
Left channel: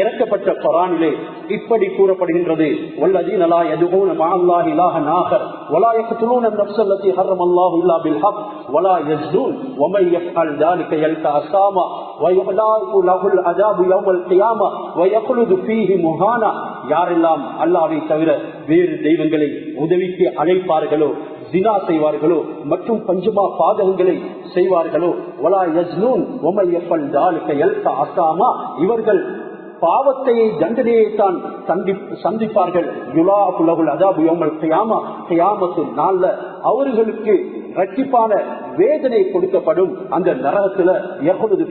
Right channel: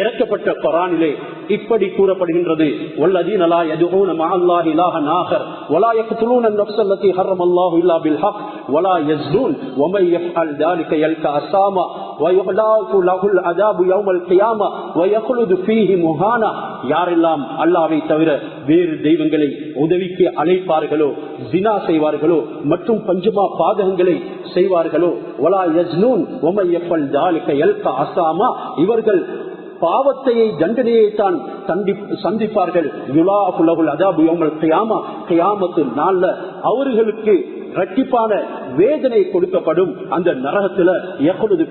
இறக்கப்பட்ட குர்ஆனிலே இப்படி கூறப்படுகின்றது, வல்லதீன லா யதுஊன மஅல்லாஹி இலாஹன் ஆகர் வலா யக்துலூன அன்-நஃப்ஸ அல்லதி ஹர்ரமல்லாஹு இல்லா பில் ஹக் வலா யஸ்தூன் வமன் யஃஅல் ذلك يلقى அஸாமா வயுஹ்லாஃபு லஹுல் அஸாபு யௌமல் கியாமா வயக்லுது ஃபீஹி முஹானா. யாரெல்லாம் அல்லாஹ்வை தவிர வேறு தெய்வங்களை உதவிக்கு அழைப்பார்களோ, ஜினா செய்வார்களோ மற்றும் பஞ்சமா பாதகங்களை செய்வார்களோ, வலா யஸ்னூன் வமன் யஃஅல் ذلك يلقى அஸாமா, இவர்கள் பாவத்தையை தண்டனையை தான் சந்திப்பார்கள். அவர்களுக்கு இரட்டிப்பான வேதனை கொடுக்கப்படும். அந்த நரகத்துல எப்பொழுது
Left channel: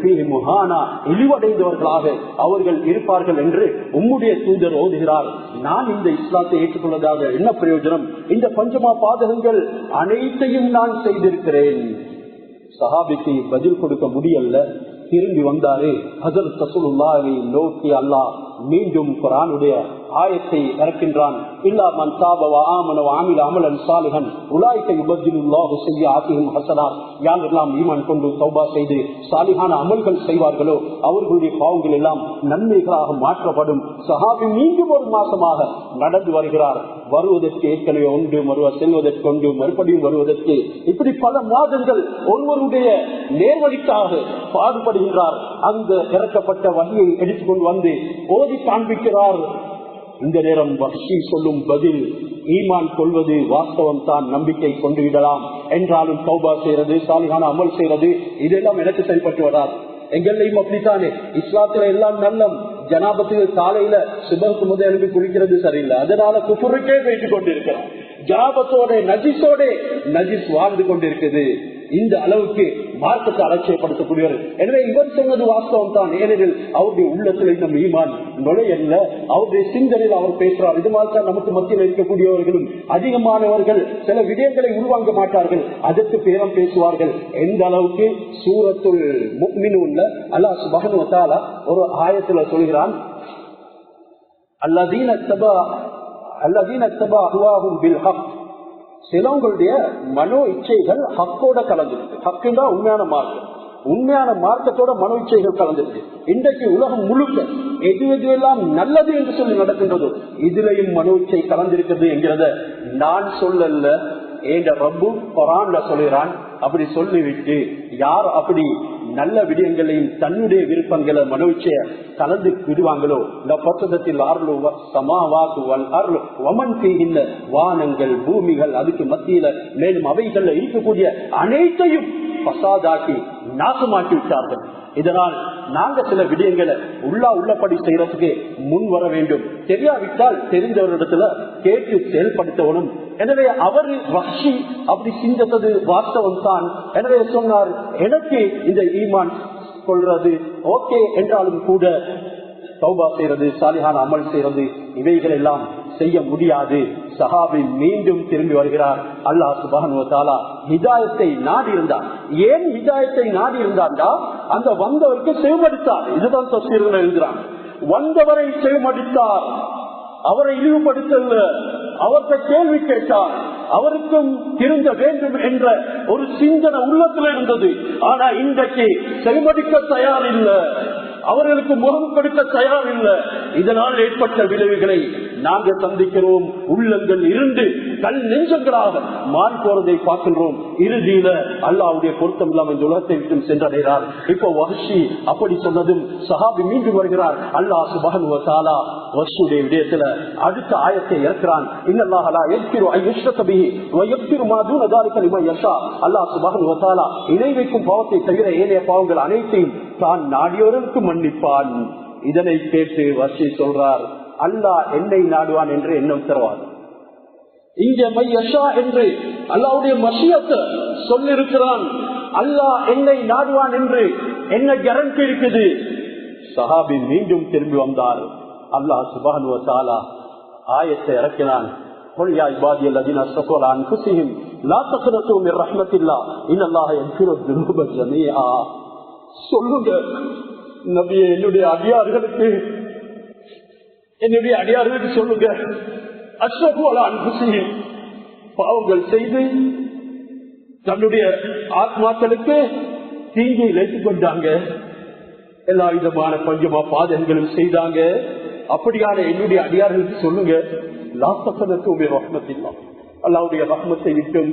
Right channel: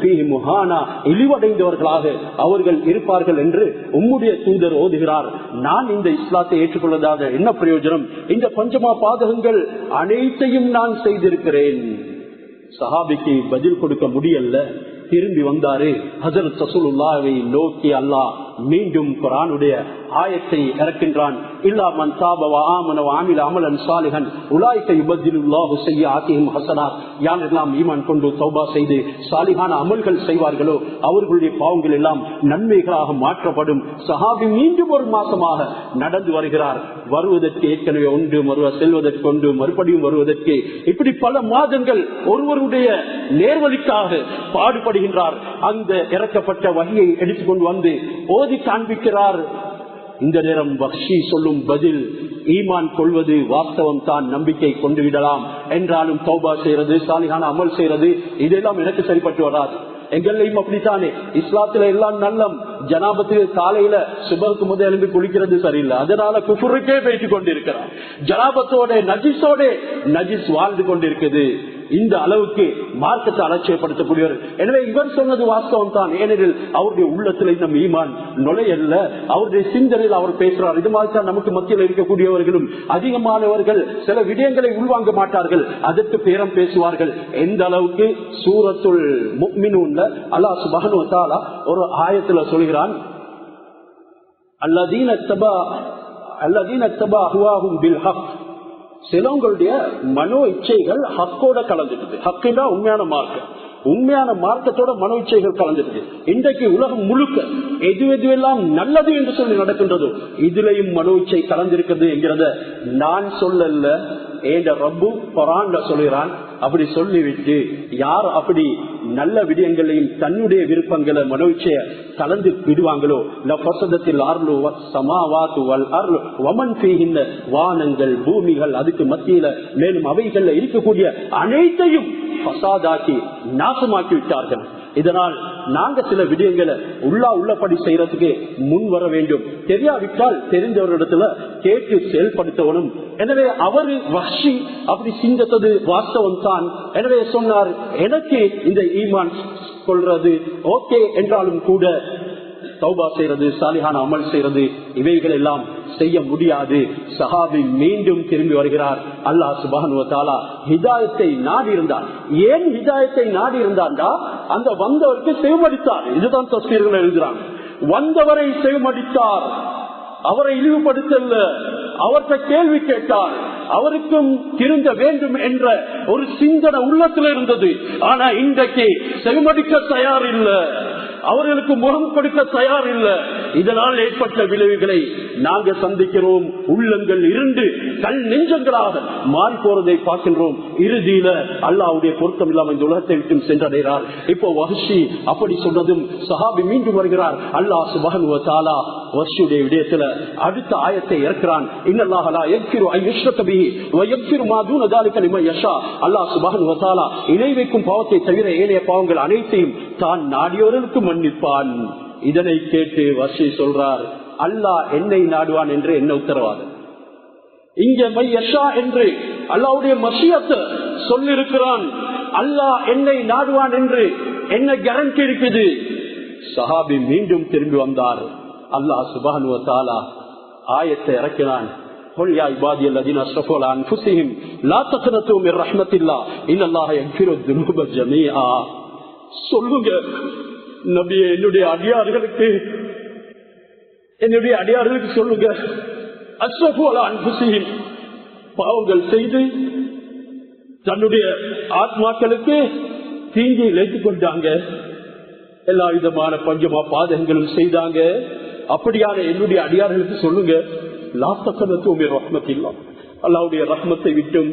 இழிவடைந்தவர்களாக அவர்கள் இருப்பார்கள் என்று உம்முடைய தூதர் ஓதுகிறார். நான் இந்த இஸ்லாத்தை ஏற்றுக்கொள்வதாக என்ன பிரயோஜனம்? இந்த பஞ்சமா பாதகங்கள் அனைத்தையும் நான் செய்திருக்கிறேன். சஹாபிக்கு பதில் கொடுக்க முடியல. திரும்பி வந்தாரு. ஹஜ்ரத் ரசூலுல்லாஹ்வை நோக்கி அல்லாஹ் மீண்டும் குர்ஆனுடைய ஆயத்தை இறக்கின்றான். இல்லா மன் தாப வ ஆமன வ அமில அமலன் சாலிஹன் உலாயிக யுபத்திலுல்லாஹு ஸய்யிஆத்திஹிம் ஹஸனாத். யாரெல்லாம் ஈமான் கொண்டு தௌபா செய்து சாலிஹான அமல்கள் செய்வார்களோ அவர்களுடைய பாவங்கள் எல்லாம் நன்மைகளாக மாற்றப்படும். சஹாபி மீண்டும் ஒரு மாசமாக நடந்து வருகிறார். வருவதற்கு ஏற்கனவே ஒன்று, செல்வதற்கு ஒன்று, மறுபடியும் வருவதற்கு, இப்படி பல மாதங்கள் ஒருவருடைய நேர்வழிக்காக பாடுபடுகின்றார். அந்த இறக்கப்பட்ட வஹியை எடுத்துக்கொண்டு வந்து ஓதி காண்பிக்கிறார். இந்த நேரம் வஹ்ஷி சொல்லும் பதில், ஈமான் கொள்வது வாஸ்தவம் தான், நம்பிக்கை கொண்டு விடலாம், என்றாலும் தௌபா செய்யறது, சாலிஹான அமல் செய்யறது இதெல்லாம் எனக்கு சரிப்பட்டு வராது. எங்களையும் அப்படித்தானே. இஸ்லாத்துல எல்லாம் நல்லம். ஜனாபத்துக்கு காலையில சுபருக்கு முதல் எழுந்து குளிக்கிறது சரியில்லை, அதனால குஃபுருக்கே போயிட்டு கொண்டிருக்கிறார். ஜனாபத்தோட நஜிஸோட நஜிஸ் வாழ்ந்து கொண்டிருக்குது. இந்த அளவுக்கு மார்க்கத்தை அலட்சியப்படுத்தக்கூடியவர். எனவே இவர் சொன்னது வாஸ்தவம் தான். ஏனெனில் அவருடைய உள்ளத்துல இன்னும் ஈமான் நுழையல்ல. அவருடைய சிந்தனையில் அவர் பேசுறார். இது மாதிரி தான் நமக்கு மத்தியில் இருக்கக்கூடியவர்களும் அதிகமானவர்கள் சில விடயங்களை உள்வாங்க மாட்டார்கள், அதற்கு பேரம் பேசுவார்கள். எந்த அளவுக்கு சூரத்துல் முஃமினூன்ல அல்லாஹ் சுப்ஹானஹு வ தஆலா ஒரு ஆயத்துல சொல்கிறான், அல்லதீன தபா அஹ்வாஹும் பில் ஹக். சிலவங்களுடைய மனோ இச்சைகள் ஹக்கோட கலந்துடுது. ஹக்குன்னா உண்மையான மார்க்கம். உண்மையான மார்க்கத்தோட மனோ இச்சைகள் கலந்துடுது. இன்றைக்கு உலகம் முழுக்க எதுவெல்லாம் நல்லது என்று சொல்லி நடக்கின்றதோ இதுலயும் மனோ இச்சை கலந்திருக்கிறது என்கிறத நான் சொல்லல, ஏண்ட ரப்பு குர்ஆன்ல சொல்கிறான். அப்படி சொல்லிவிட்டு யார் அப்படி நல்ல விடயங்களையும் தன்னுடைய விருப்பங்களை மனோச்சைய கலந்து விடுவாங்களோ, வானங்கள் பூமிகள் அதுக்கு மத்தியில மேலும் அவைகள்ல இருக்கக்கூடிய அனைத்தையும் பசாதாக்கி நாசமாக்கி விட்டார்கள். இதனால் நாங்க சில விடயங்களை உள்ளபடி செய்யறதுக்கு முன் வர வேண்டும். தெரியாவிட்டால் தெரிஞ்சவரிடத்துல கேட்டு செயல்படுத்தவனும். எனவே அவரு வஹ்ஷி அப்படி சிந்தித்தது வாஸ்தவம் தான். எனவே சொன்னார், எனக்கு இந்த ஈமான் கொள்றது ஓகே என்றாலும் கூட தௌபா செய்யறது, சாலிஹான அமல் செய்யறது இவைகள் எல்லாம் செய்ய முடியாது. சஹாபி மீண்டும் திரும்பி வருகிறார். அல்லாஹ் சுப்ஹானஹு வ தஆலா ஹிதாயத்தை நாடி இருந்தார். ஏன் ஹிதாயத்தை நாடி இருந்தாண்டா, அந்த வந்தவருக்கு செவிமடித்தார். இதுதான் தஃசீர்கள் எழுதுறாங்க. வந்தவரை செவிமடித்தார், அவரை இழிவுபடுத்தல, அவர்கிட்ட கேள்வி கேட்டார். அவருக்கும் திருந்த வேண்டும் என்ற ஒரு சிந்தனை உள்ளத்துல இருந்தது. ஆனா இன்றைக்கு செவிமடிக்க தயார் இல்லை, அவர்களுக்கு முகம் கொடுக்க தயார் இல்லை. இதனால் ஏற்பட்ட விளைவுகளை நாங்க சந்திக்கிறோம். உள்ளங்கள் இருண்டு கல் நெஞ்சங்களாக மாறி போறதை பார்க்கின்றோம். இறுதியில அல்லாஹ்வுடைய பொருத்தம் இல்லாமல் இந்த உலகத்தை விட்டு சென்றடைகிறார். இப்போ வஹ்ஷி அப்படி சொன்னதும் சஹாபி மீண்டும் வருகிறார். அல்லாஹ் சுப்ஹானஹு வ தஆலா வஹ்ஷியுடைய விடயத்துல அடுத்த ஆயத்தை இறக்கிறான். இன்னல்லாஹ லா யக்ஃபிரு அன் யுஷ்ரக பிஹி வ யக்ஃபிரு மா தூன ذلك லிமன் யஷா. அல்லாஹ் சுப்ஹானஹு வ தஆலா இணை வைக்கும் பாவத்தை தவிர ஏனைய பாவங்கள் அனைத்தையும் தான் நாடியவர்களுக்கு மன்னிப்பான். இதனை கேட்டு வஹ்ஷி சொல்றார், அல்லாஹ் என்னை நாடுவான் என்று என்ன உத்தரவாதம்? இங்க மையஷா என்று அல்லாஹ்வுடைய மஷியத்தை சொல்லிருக்கிறான். அல்லாஹ் என்னை நாடுவான் என்று என்ன கேரண்டி இருக்குது? சஹாபி மீண்டும் திரும்பி வந்தார். அல்லாஹ் சுப்ஹானஹு வ தஆலா ஆயத்தை இறக்கினான். قل يا عبادي الذين اسرفوا على انفسهم لا تقنطوا من رحمة الله ان الله يغفر الذنوب جميعا. சொல்லுங்க நபியே, என்னுடைய அடியார்களுக்கு சொல்லுங்க, அஸ்ரஃபு அலா அன்ஃபுஸிஹிம், பாவங்கள் செய்து தன்னுடைய ஆத்மாக்களுக்கு தீங்கை இழைத்துக் கொண்டாங்க, எல்லா விதமான பஞ்சமா பாதகங்களும் செய்தாங்க. அப்படியான என்னுடைய அடியார்களுக்கு சொல்லுங்க, லா தக்னது மின் ரஹ்மத்தில்லாஹ், அல்லாஹ்வுடைய ரஹ்மத்தை விட்டும்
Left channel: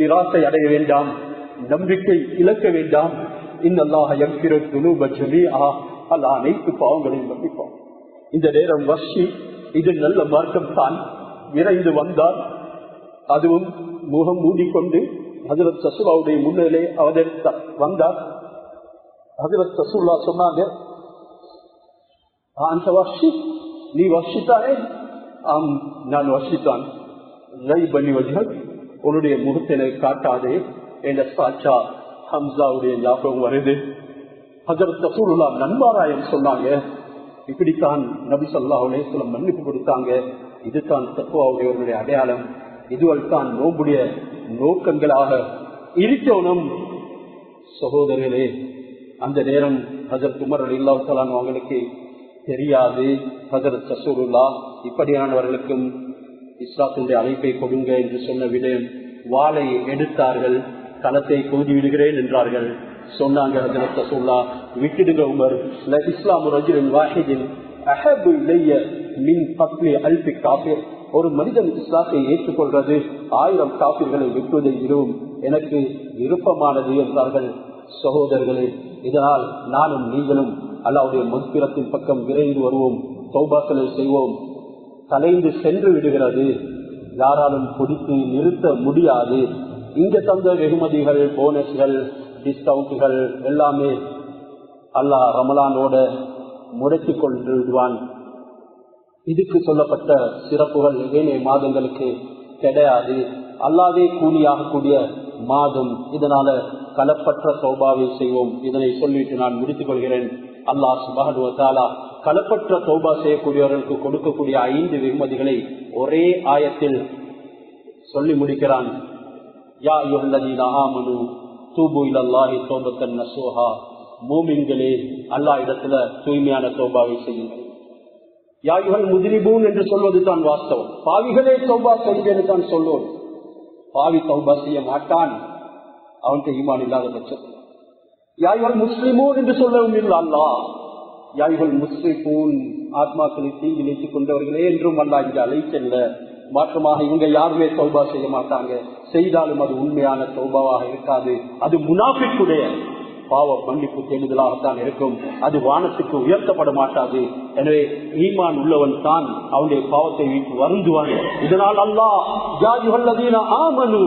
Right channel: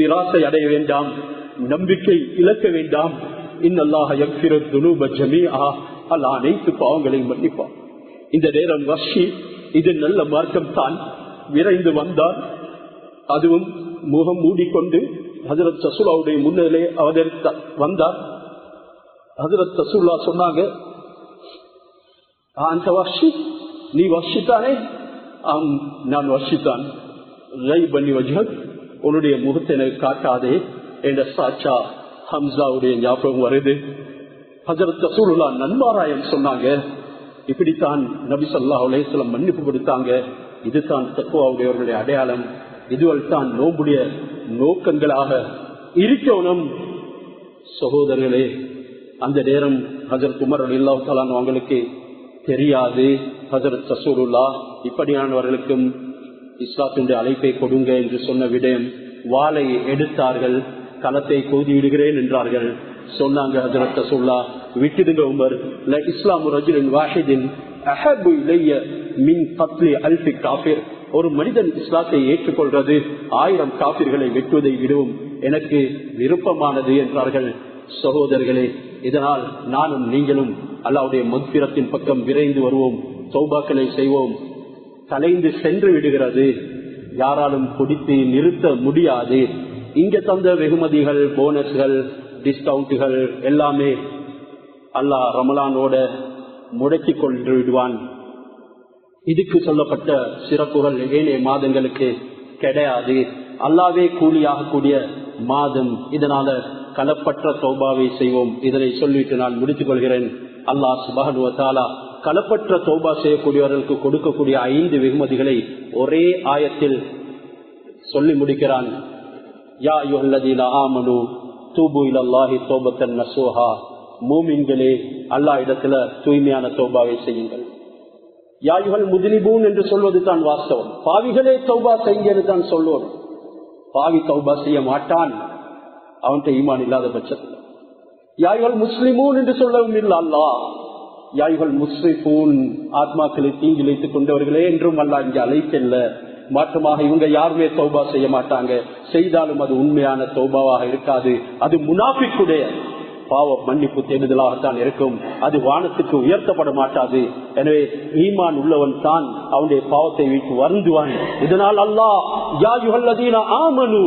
நிராசை அடைய வேண்டாம், நம்பிக்கை இழக்க வேண்டாம். இன்னல்லாஹ யக்ஃபிரு துனூப ஜமீஆ, அல்லாஹ் அனைத்து பாவங்களையும் மன்னிப்பான். இந்த நேரம் வஷி, இது நல்ல மார்க்கம் தான், விரைந்து வந்தார். அதுவும் முகம் மூடிக்கொண்டு ஹஜ்ரத் ரசூலுல்லாஹ்வுடைய முன்னிலே அவதரித்த வந்தார். ஹஜ்ரத் ரசூலுல்லாஹ் சொன்னாங்க, அந்த வஷி, நீ வஷித்தானே? ஆம், நான் வஷித்தான். ரைபனி வஜ்ஹக், உன்னுடைய முகத்தை எனக்கு காட்டாதே என்ற சாச்சா ஹம்சாவுடைய ஞாபகம் வருது. ஹஜ்ரத் ரசூலுல்லாஹ் நன்மாராயம் சொன்னாங்க, இப்படித்தான் நபி ஸல்லல்லாஹு அலைஹி வஸல்லம் மன்னிப்பு கொடுத்தாங்க. இதுதான் தக்வாவுடையவர்களுடைய அடையாளம், இதுவள் தான் நோம்புடைய நோக்கங்களாக இருக்கணும். சகோதரர்களே, அந்த நேரம் ஹஜ்ரத் உமர் ரலியல்லாஹு தஆலா அவங்களுக்கு தெரியாது. ஹஜ்ரத் ரசூலுல்லாஹ் இப்படியானவர்களுக்கும் இஸ்லாத்தினுடைய அழைப்பை கொடுங்க என்று சொன்ன விடம் வாளை எடுத்தார்கள், களத்தை கோதி விடுகிறேன் என்றார்கள். சொன்னாங்க ஹஜ்ரத் ரசூலுல்லாஹ், விட்டுடுங்க உமர், இஸ்லாமு ரஜுலின் வாஹிதின் அஹப்பு இலைய மின் கத்லி அல்ஃபி காஃபிர், ஒரு மனிதன் இஸ்லாத்தை ஏற்றுக்கொள்வது 1000 காபிர்களை வெட்டுவதை விடவும் எனக்கு விருப்பமானது என்றார்கள். சகோதரர்களே, இதனால் நானும் நீங்களும் அல்லாஹ்வுடைய மக்ஃபிரத்தின் பக்கம் விரைந்து வருவோம், தௌபாக்களை செய்வோம். கலைந்து சென்று விடுகிறது, யாராலும் பிடித்து நிறுத்த முடியாது. இங்க தந்த வெகுமதிகள், போனஸ்கள், டிஸ்கவுண்ட்கள் எல்லாமே அல்லாஹ் ரமலானோட முடக்கி கொண்டு விடுவான். இதுக்கு சொல்லப்பட்ட சிறப்புகள் ஏனைய மாதங்களுக்கு கிடையாது. அல்லாஹ்வே கூலியாகக்கூடிய மாதம். இதனால கலப்பற்ற தௌபாவை செய்வோம். இதனை சொல்லிட்டு நான் முடித்துக் கொள்கிறேன். அல்லாஹ் சுப்ஹானஹு வ தஆலா கலப்பற்ற தௌபா செய்யக்கூடியவர்களுக்கு கொடுக்கக்கூடிய 5 வெகுமதிகளை ஒரே ஆயத்தில் சொல்லி முடிக்கிறான். யா அய்யுஹல்லதீன ஆமனூ தூபு இலல்லாஹி தௌபத்தன் நஸூஹா, மூமின்களே அல்லாஹ் இடத்துல தூய்மையான தௌபாவை செய்யுங்கள். யாயுகள் முஜ்ரிபூன் என்று சொல்வது தான் வாஸ்தவம். பாவிகளே தௌபா செய்யுங்கள் தான் சொல்வோம். பாவி தௌபா செய்ய மாட்டான், அவன்கிட்ட ஈமான் இல்லாத பட்சத்தில். யாயுகள் முஸ்லிமூன் என்று சொல்லவும் இல்லை அல்லாஹ். யாயுகள் முஸ்ரிஃபூன், ஆத்மாக்களை தீங்கிழைத்துக் கொண்டவர்களே என்றும் அல்லாஹ் இங்கே அழைக்கல்ல. மாற்றமாக இவங்க யாருமே தௌபா செய்ய மாட்டாங்க. செய்தாலும் அது உண்மையான தௌபாவாக இருக்காது. அது முனாஃபிக்குடைய பாவ மன்னிப்பு தேடுதலாகத்தான் இருக்கும். அது வானத்துக்கு உயர்த்தப்பட மாட்டாது. எனவே ஈமான் உள்ளவன் தான் அவனுடைய பாவத்தை விட்டு வருந்துவான். இதனால் அல்லாஹ் யா அய்யுஹல்லதீன ஆமனூ,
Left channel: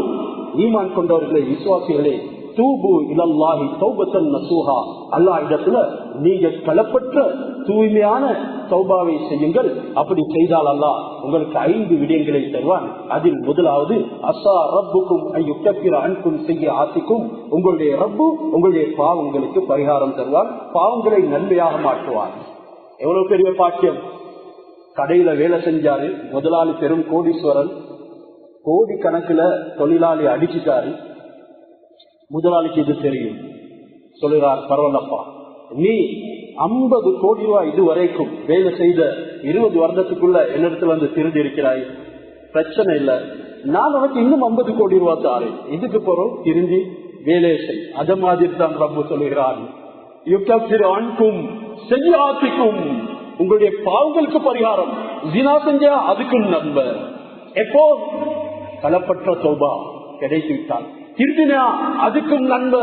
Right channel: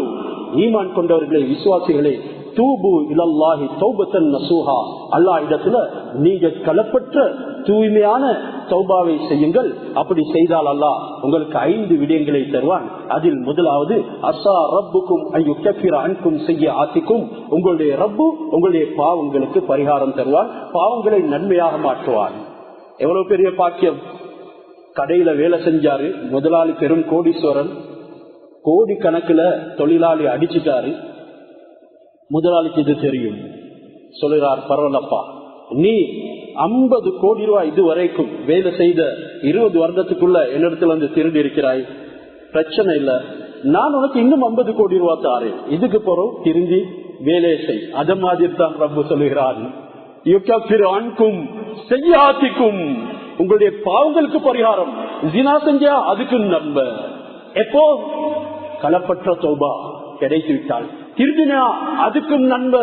ஈமான் கொண்டவர்களே, விசுவாசிகளே, தூபு இலல்லாஹி தௌபத்தன் நஸூஹா, அல்லாஹ் இடத்துல நீங்க கலப்பற்ற தூய்மையான தௌபாவை செய்யுங்கள். அப்படி செய்தால் அல்லாஹ் உங்களுக்கு 5 விடயங்களை தருவான். அதில் முதலாவது, அஸா ரப்புக்கும் அய்யுகஃபிர அன்கும் ஸய்யிஆத்திக்கும், உங்களுடைய ரப்பு உங்களுடைய பாவங்களுக்கு பரிகாரம் தருவான், பாவங்களை நன்மையாக மாற்றுவான். எவ்வளவு பெரிய பாக்கியம்! கடையில வேலை செஞ்சாரு, முதலாளி பெரும் கோடீஸ்வரன், கோடி கணக்குல தொழிலாளி அடிச்சுட்டாரு. முதலாளிக்கு இது தெரியும். சொல்லுறார், பரவாயில்லப்பா, நீ 50 கோடி ரூபாய் இதுவரைக்கும் வேலை செய்த 20 வருடத்துக்குள்ள என்னிடத்துல வந்து திருடி இருக்கிறாய், பிரச்சனை இல்ல, நான் உனக்கு இன்னும் 50 கோடி ரூபாய் தாரேன், இதுக்கு பிறகு திருந்தி வேலையை செய். அத மாதிரி தான் ரப்பு சொல்லுகிறான், யுகஃபிரு அன்கும் ஸய்யிஆத்திக்கும், உங்களுடைய பாவங்களுக்கு பரிகாரம். ஜினா செஞ்சா அதுக்கு நன்மை. எப்போ கலப்பற்ற தௌபா கிடைத்து விட்டால், திருடினா அதுக்கும் நன்மை.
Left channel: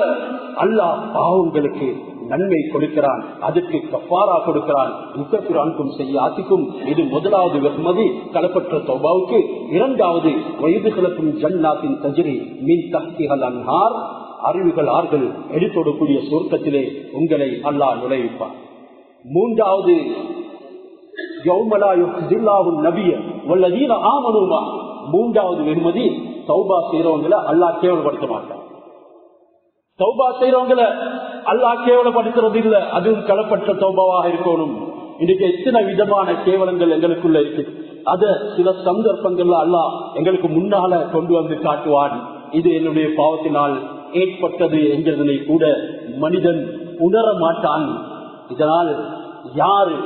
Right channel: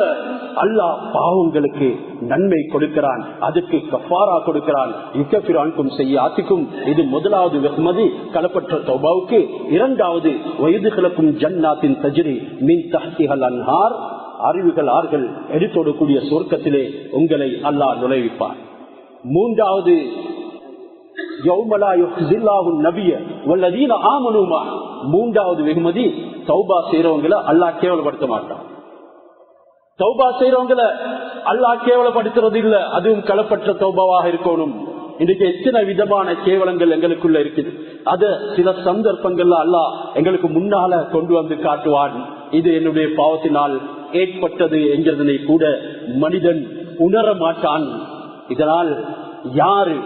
அல்லாஹ் பாவங்களுக்கு நன்மை கொடுக்கிறான், அதுக்கு கஃபாரா கொடுக்கிறான். யுகஃபிரு அன்கும் ஸய்யிஆத்திக்கும், இது முதலாவது வெகுமதி கலப்பற்ற தௌபாவுக்கு. இரண்டாவது, வயதுகளுக்கும் ஜன்னாத்தின் தஜ்ரி மின் தஹ்திஹல் அன்ஹார், அருவிகள் ஆறுகள் எடுத்தோடக்கூடிய சொர்க்கத்திலே உங்களை அல்லாஹ் நுழைவிப்பார். மூன்றாவது, யௌமலா யுஹ்ஸில்லாஹு நபிய வல்லதீன ஆமனூ மா, மூன்றாவது வெகுமதி, தௌபா செய்யறவங்களை அல்லாஹ் கேவலப்படுத்த மாட்டான். தௌபா செய்யறவங்களை அல்லாஹ் கேவலப்படுத்துறது இல்ல, அதுவும் கலப்பற்ற தௌபாவாக இருக்கணும். இன்றைக்கு எத்தனை விதமான கேவலங்கள் எங்களுக்குள்ள இருக்குது. அத சில சந்தர்ப்பங்கள்ல அல்லாஹ் எங்களுக்கு முன்னால கொண்டு வந்து காட்டுவான். இது என்னுடைய பாவத்தினால் ஏற்பட்டது என்கிறதனை கூட மனிதன் உணர மாட்டான். இதனால் யாரு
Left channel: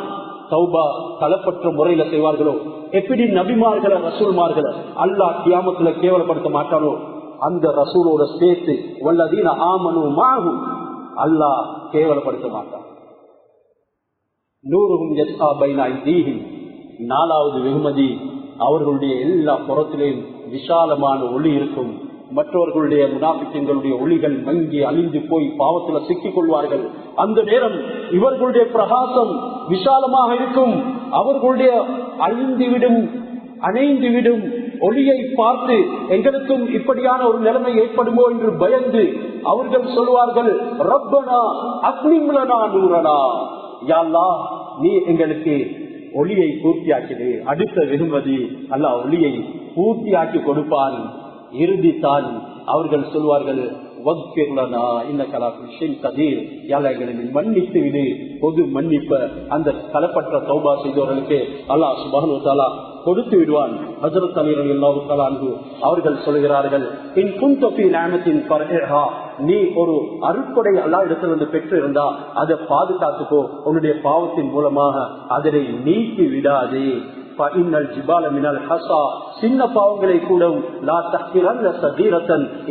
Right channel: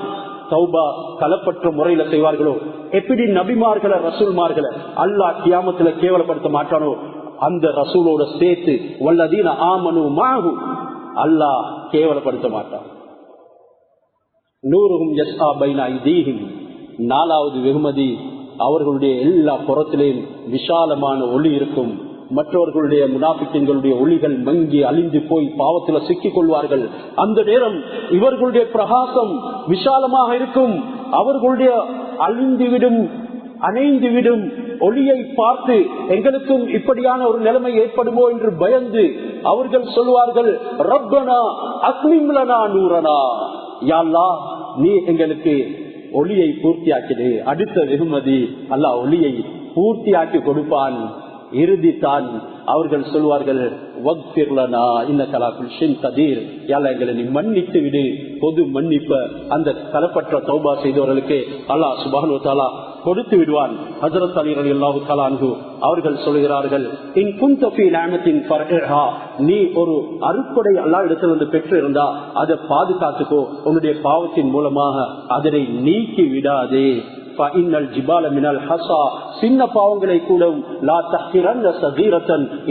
தௌபா களப்பற்ற முறையில செய்வார்களோ, எப்படி நபிமார்களை ரசூல்மார்களை அல்லாஹ் கியாமத்துல கேவலப்படுத்த மாட்டானோ, அந்த ரசூலோட சேர்த்து வல்லதீன ஆமனு மாஹு அல்லாஹ் கேவலப்படுத்த மாட்டான். நூறுஹும் யஸ்ஆ பைன ஐதீஹிம், நாலாவது வெகுமதி, அவர்களுடைய எல்லா புறத்திலேயும் விசாலமான ஒளி இருக்கும். மற்றவர்களுடைய முனாஃபிக்குகளுடைய ஒளிகள் மங்கி அழிந்து போய் பாவத்தில் சிக்கிக் கொள்வார்கள். அந்த நேரம் இவர்களுடைய பிரகாசம் விசாலமாக இருக்கும். அவர்களுடைய அழிந்துவிடும் அணைந்துவிடும் ஒளியை பார்த்து எங்களுக்கும் இப்படியான ஒரு நிலைமை ஏற்படுமோ என்று பயந்து அவர்கள் சொல்வார்கள், ரப்பனா அக்மிம் லனா நூரனா, யா அல்லாஹ் நீ எங்களுக்கு ஒளியை பூர்த்தியாக்கிடு. அடுத்த வெகுமதி அல்லாஹ் ஒளியை பூர்த்தியாக்கி கொடுப்பான். இறுதித்தான் அவர்கள் சொல்வார்கள், எங்களை நீ மன்னித்து விடு. பொது மன்னிப்ப அந்த களப்பற்ற தௌபா செய்தவர்களுக்கு அல்லாஹ் சுப்ஹானஹு வ தஆலா கொடுத்து விடுவான். ஹஜ்ரத் அலி ரலியல்லாஹு தஆலா அன்ஹு அவர்கள் சொல்கிறார்கள், இன் குன்த ஃபீ நிஅமத்தின் ஃபர்ஹா, நீ ஒரு அருட்கொடை அல்லாஹ் இடத்திலிருந்து பெற்று இருந்தா அதை பாதுகாத்துக்கோ, உன்னுடைய பாவத்தின் மூலமாக அதனை நீக்கி விடாதே. சின்ன பாவங்களை கூட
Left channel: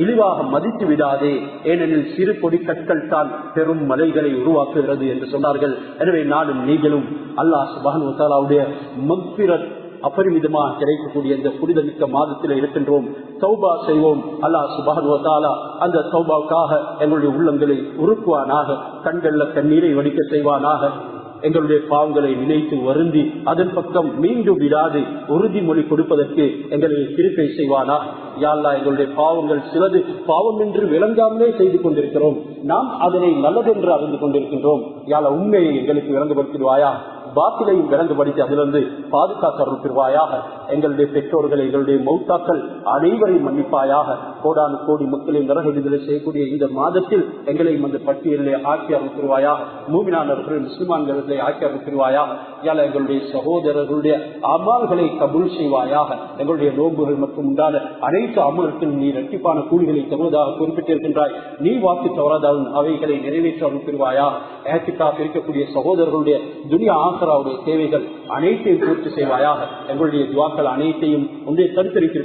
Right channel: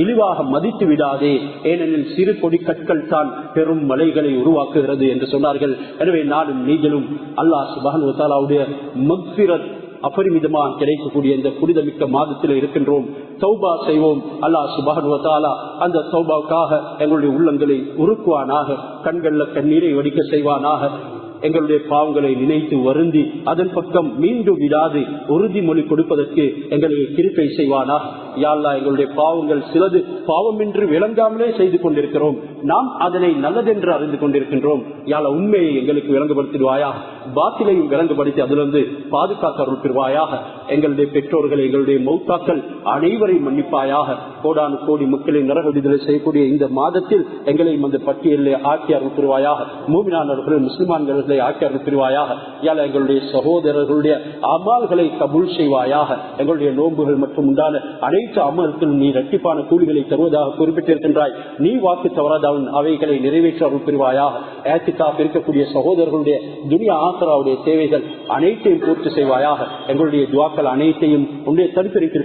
இழிவாக மதித்து விடாதே, ஏனெனில் சிறு கொடி கற்கள் தான் பெரும் மலைகளை உருவாக்குகிறது என்று சொன்னார்கள். எனவே நானும் நீங்களும் அல்லாஹ் சுப்ஹானஹு வ தஆலாவுடைய மக்ஃபிரத் அபரிமிதமாக கிடைக்கக்கூடிய இந்த புனிதமிக்க மாதத்தில் இருக்கின்றோம். தௌபா செய்வோம். அல்லாஹ் சுப்ஹானஹு வ தஆலா அந்த தௌபாவுக்காக எங்களுடைய உள்ளங்களை உருக்குவானாக, கண்கள்ல கண்ணீரை வடிக்க செய்வானாக, எங்களுடைய பாவங்களை நினைத்து வருந்தி அதன் பக்கம் மீண்டும் விடாது உறுதிமொழி கொடுப்பதற்கு எங்களுக்கு கிருபை செய்வானா. யா அல்லாஹ் எங்களுடைய பாவங்கள் சிலது பாவம் என்று விளங்காமலே செய்து கொண்டிருக்கிறோம், நாம் அதனை நல்லதென்று அறிந்து கொண்டிருக்கின்றோம். யா அல்லாஹ் உண்மையை எங்களுக்கு விளங்கப்படுத்திடுவாயா, பாத்திலையும் விளங்குபடுத்தி அதிலிருந்து பாதுகாக்க அருள்வாயாக. எங்களுடைய பெற்றோர்கள் எங்களுடைய மௌத்தாக்கள் அனைவரையும் மன்னிப்பாயாக. கோடானு கோடி மக்களை நரக விடுதலை செய்யக்கூடிய இந்த மாதத்தில் எங்களையும் அந்த பட்டியலை ஆக்கி அருள்வாயாக. மூமினானவர்கள் முஸ்லிமான்கள் ஆக்கி அருள்வாயாக. யால எங்களுடைய சகோதரர்களுடைய அமல்களை கபூல் செய்வாயாக. எங்களுடைய நோன்புகள் மற்றும் உண்டான அனைத்து அமல்களும் நீ இரட்டிப்பான கூலிகளை தருவதாக குறிப்பிட்டிருக்கின்றாய். நீ வாக்கு தவறாதவன் அவைகளை நிறைவேற்ற அருள் புரிவாயாக. ஏத்திக்காக இருக்கக்கூடிய சகோதரர்களுடைய துனியா ஆசராவுடைய சேவைகள் அனைத்தையும் பூர்த்தி செய்வாயாக. எங்களுடைய துவாக்கள் அனைத்தையும் உன்னுடைய தரித்திருக்கிற